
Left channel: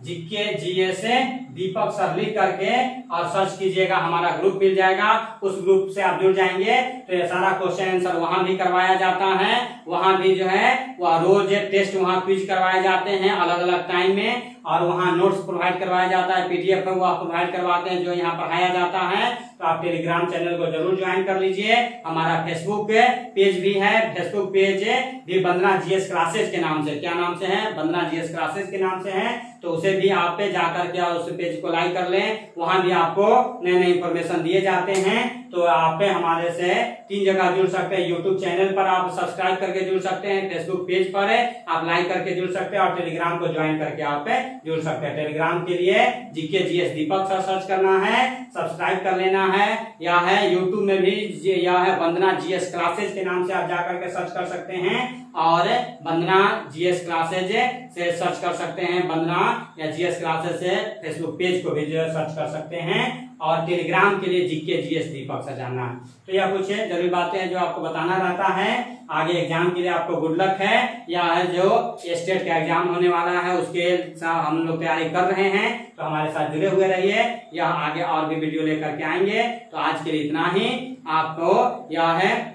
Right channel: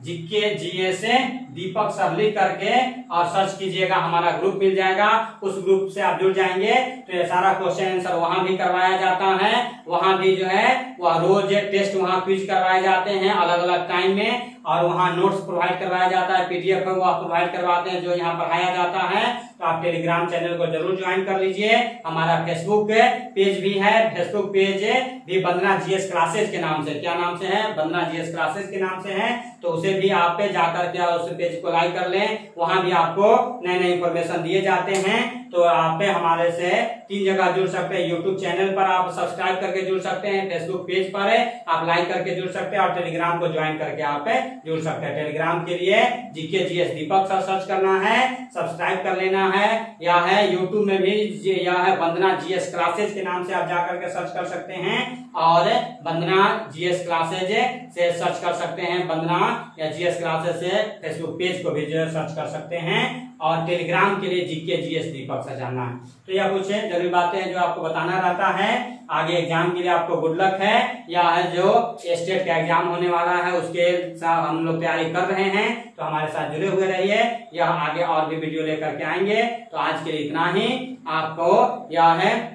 जीके जीएस दीपक सर लिख करके और सर्च कीजिएगा, हमारा ग्रुप मिल जाएगा, उस ग्रुप से आप जुड़ जाएंगे तो ये सारा क्वेश्चन आंसर वहां भी करवाया जाता है। वहां भी जो है वह रोज टेस्ट वहां क्विज करवाए जाते हैं अलग अलग टाइम में, और वहां नोट्स प्रोवाइड करवाया जाता है, पीडीएफ वो आप प्रोवाइड करवाते हैं जो यहाँ पढ़ाया जाता है। तो आप टेलीग्राम चैनल को जरूर ज्वाइन कर लीजिए। हमारा फेसबुक पेज भी है, फेसबुक पेज भी वंदना जीएस क्लासेज के नाम से, क्या नाम से है? वंदना जीएस क्लासेज के नाम से है, तो उसे भी आप पे जाकर के उस पेज को लाइक कर लें, वहां भी आपको नए नए इंफॉर्मेशन दिए जाते हैं। तो आप हमारे से 3 जगह जुड़ सकते हैं। यूट्यूब चैनल पर आप सब्सक्राइब करके जुड़ सकते हैं, फेसबुक पेज पर आप लाइक करके जुड़ सकते हैं और टेलीग्राम को ज्वाइन करके आप जुड़ सकते हैं। टेलीग्राम के लिए जीके जीएस दीपक सर सर्च करना है, सब्सक्राइब कर लेना है, या है यूट्यूब में भी यह है वंदना जीएस क्लासेज के नाम से आप जाकर के सर्च कर सकते हैं, और वंदना जीएस क्लासेज से सर्च कर सकते हैं। वंदना या जीएस क्लासेज से फेसबुक पेज को भी सर्च कर सकते हैं, और टेलीग्राम के लिए जीके जीएस दीपक से जानना है। तो यह कुछ जरूरी बातें हैं जो आपको बताना रहता है। आगे एग्जाम के लिए आपको गुड लक है। या है जो स्टेट का एग्जाम होने वाला है उसके साथ हम लोग तैयारी कर रहे हैं, तो हमारे साथ जुड़े हुए रहिए। यह आगे और भी वीडियो लेकर के आएंगे। तो आज के लिए इतना ही। आपको यह है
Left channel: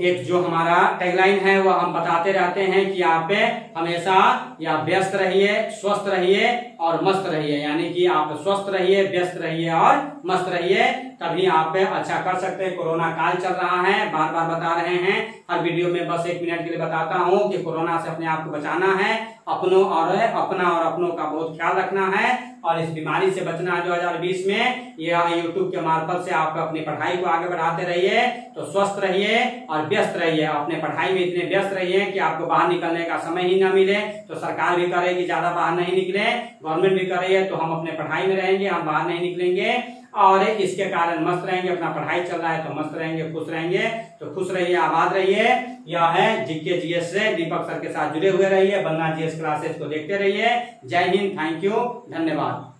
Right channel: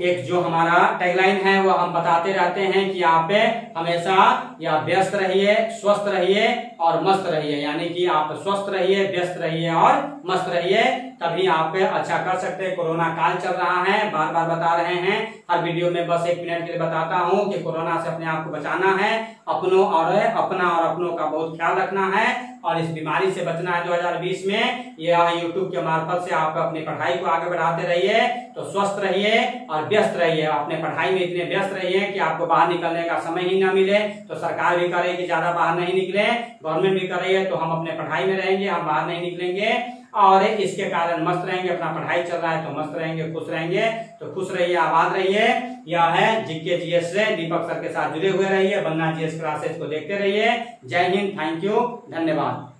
एक जो हमारा टैगलाइन है वो हम बताते रहते हैं कि आप हमेशा या व्यस्त रहिए, स्वस्थ रहिए और मस्त रहिए। यानी कि आप स्वस्थ रहिए, व्यस्त रहिए और मस्त रहिए, तभी आप अच्छा कर सकते हैं। कोरोना काल चल रहा है, बार बार बता रहे हैं, हर वीडियो में बस 1 मिनट के लिए बताता हूं कि कोरोना से अपने आप को बचाना है, अपनों और अपनों का बहुत ख्याल रखना है और इस बीमारी से बचना है 2020 में। यह यूट्यूब के मार्फत से आप अपनी पढ़ाई को आगे बढ़ाते रहिए। तो स्वस्थ रहिए और व्यस्त रहिए, अपने पढ़ाई में इतने व्यस्त रहिए कि आपको बाहर निकलने का समय ही न मिले। तो सरकार भी करे कि ज्यादा बाहर नहीं निकले, गवर्नमेंट भी करे, तो हम अपने पढ़ाई में रहेंगे, हम बाहर नहीं निकलेंगे और इसके कारण मस्त रहेंगे। अपना पढ़ाई चल रहा है तो मस्त रहेंगे, खुश रहेंगे। तो खुश रहिए, आबाद रहिए। यह है जीके जीएस से दीपक सर के साथ जुड़े हुए रहिए, वंदना जीएस क्लासेज को देखते रहिए। जय हिंद, थैंक यू, धन्यवाद।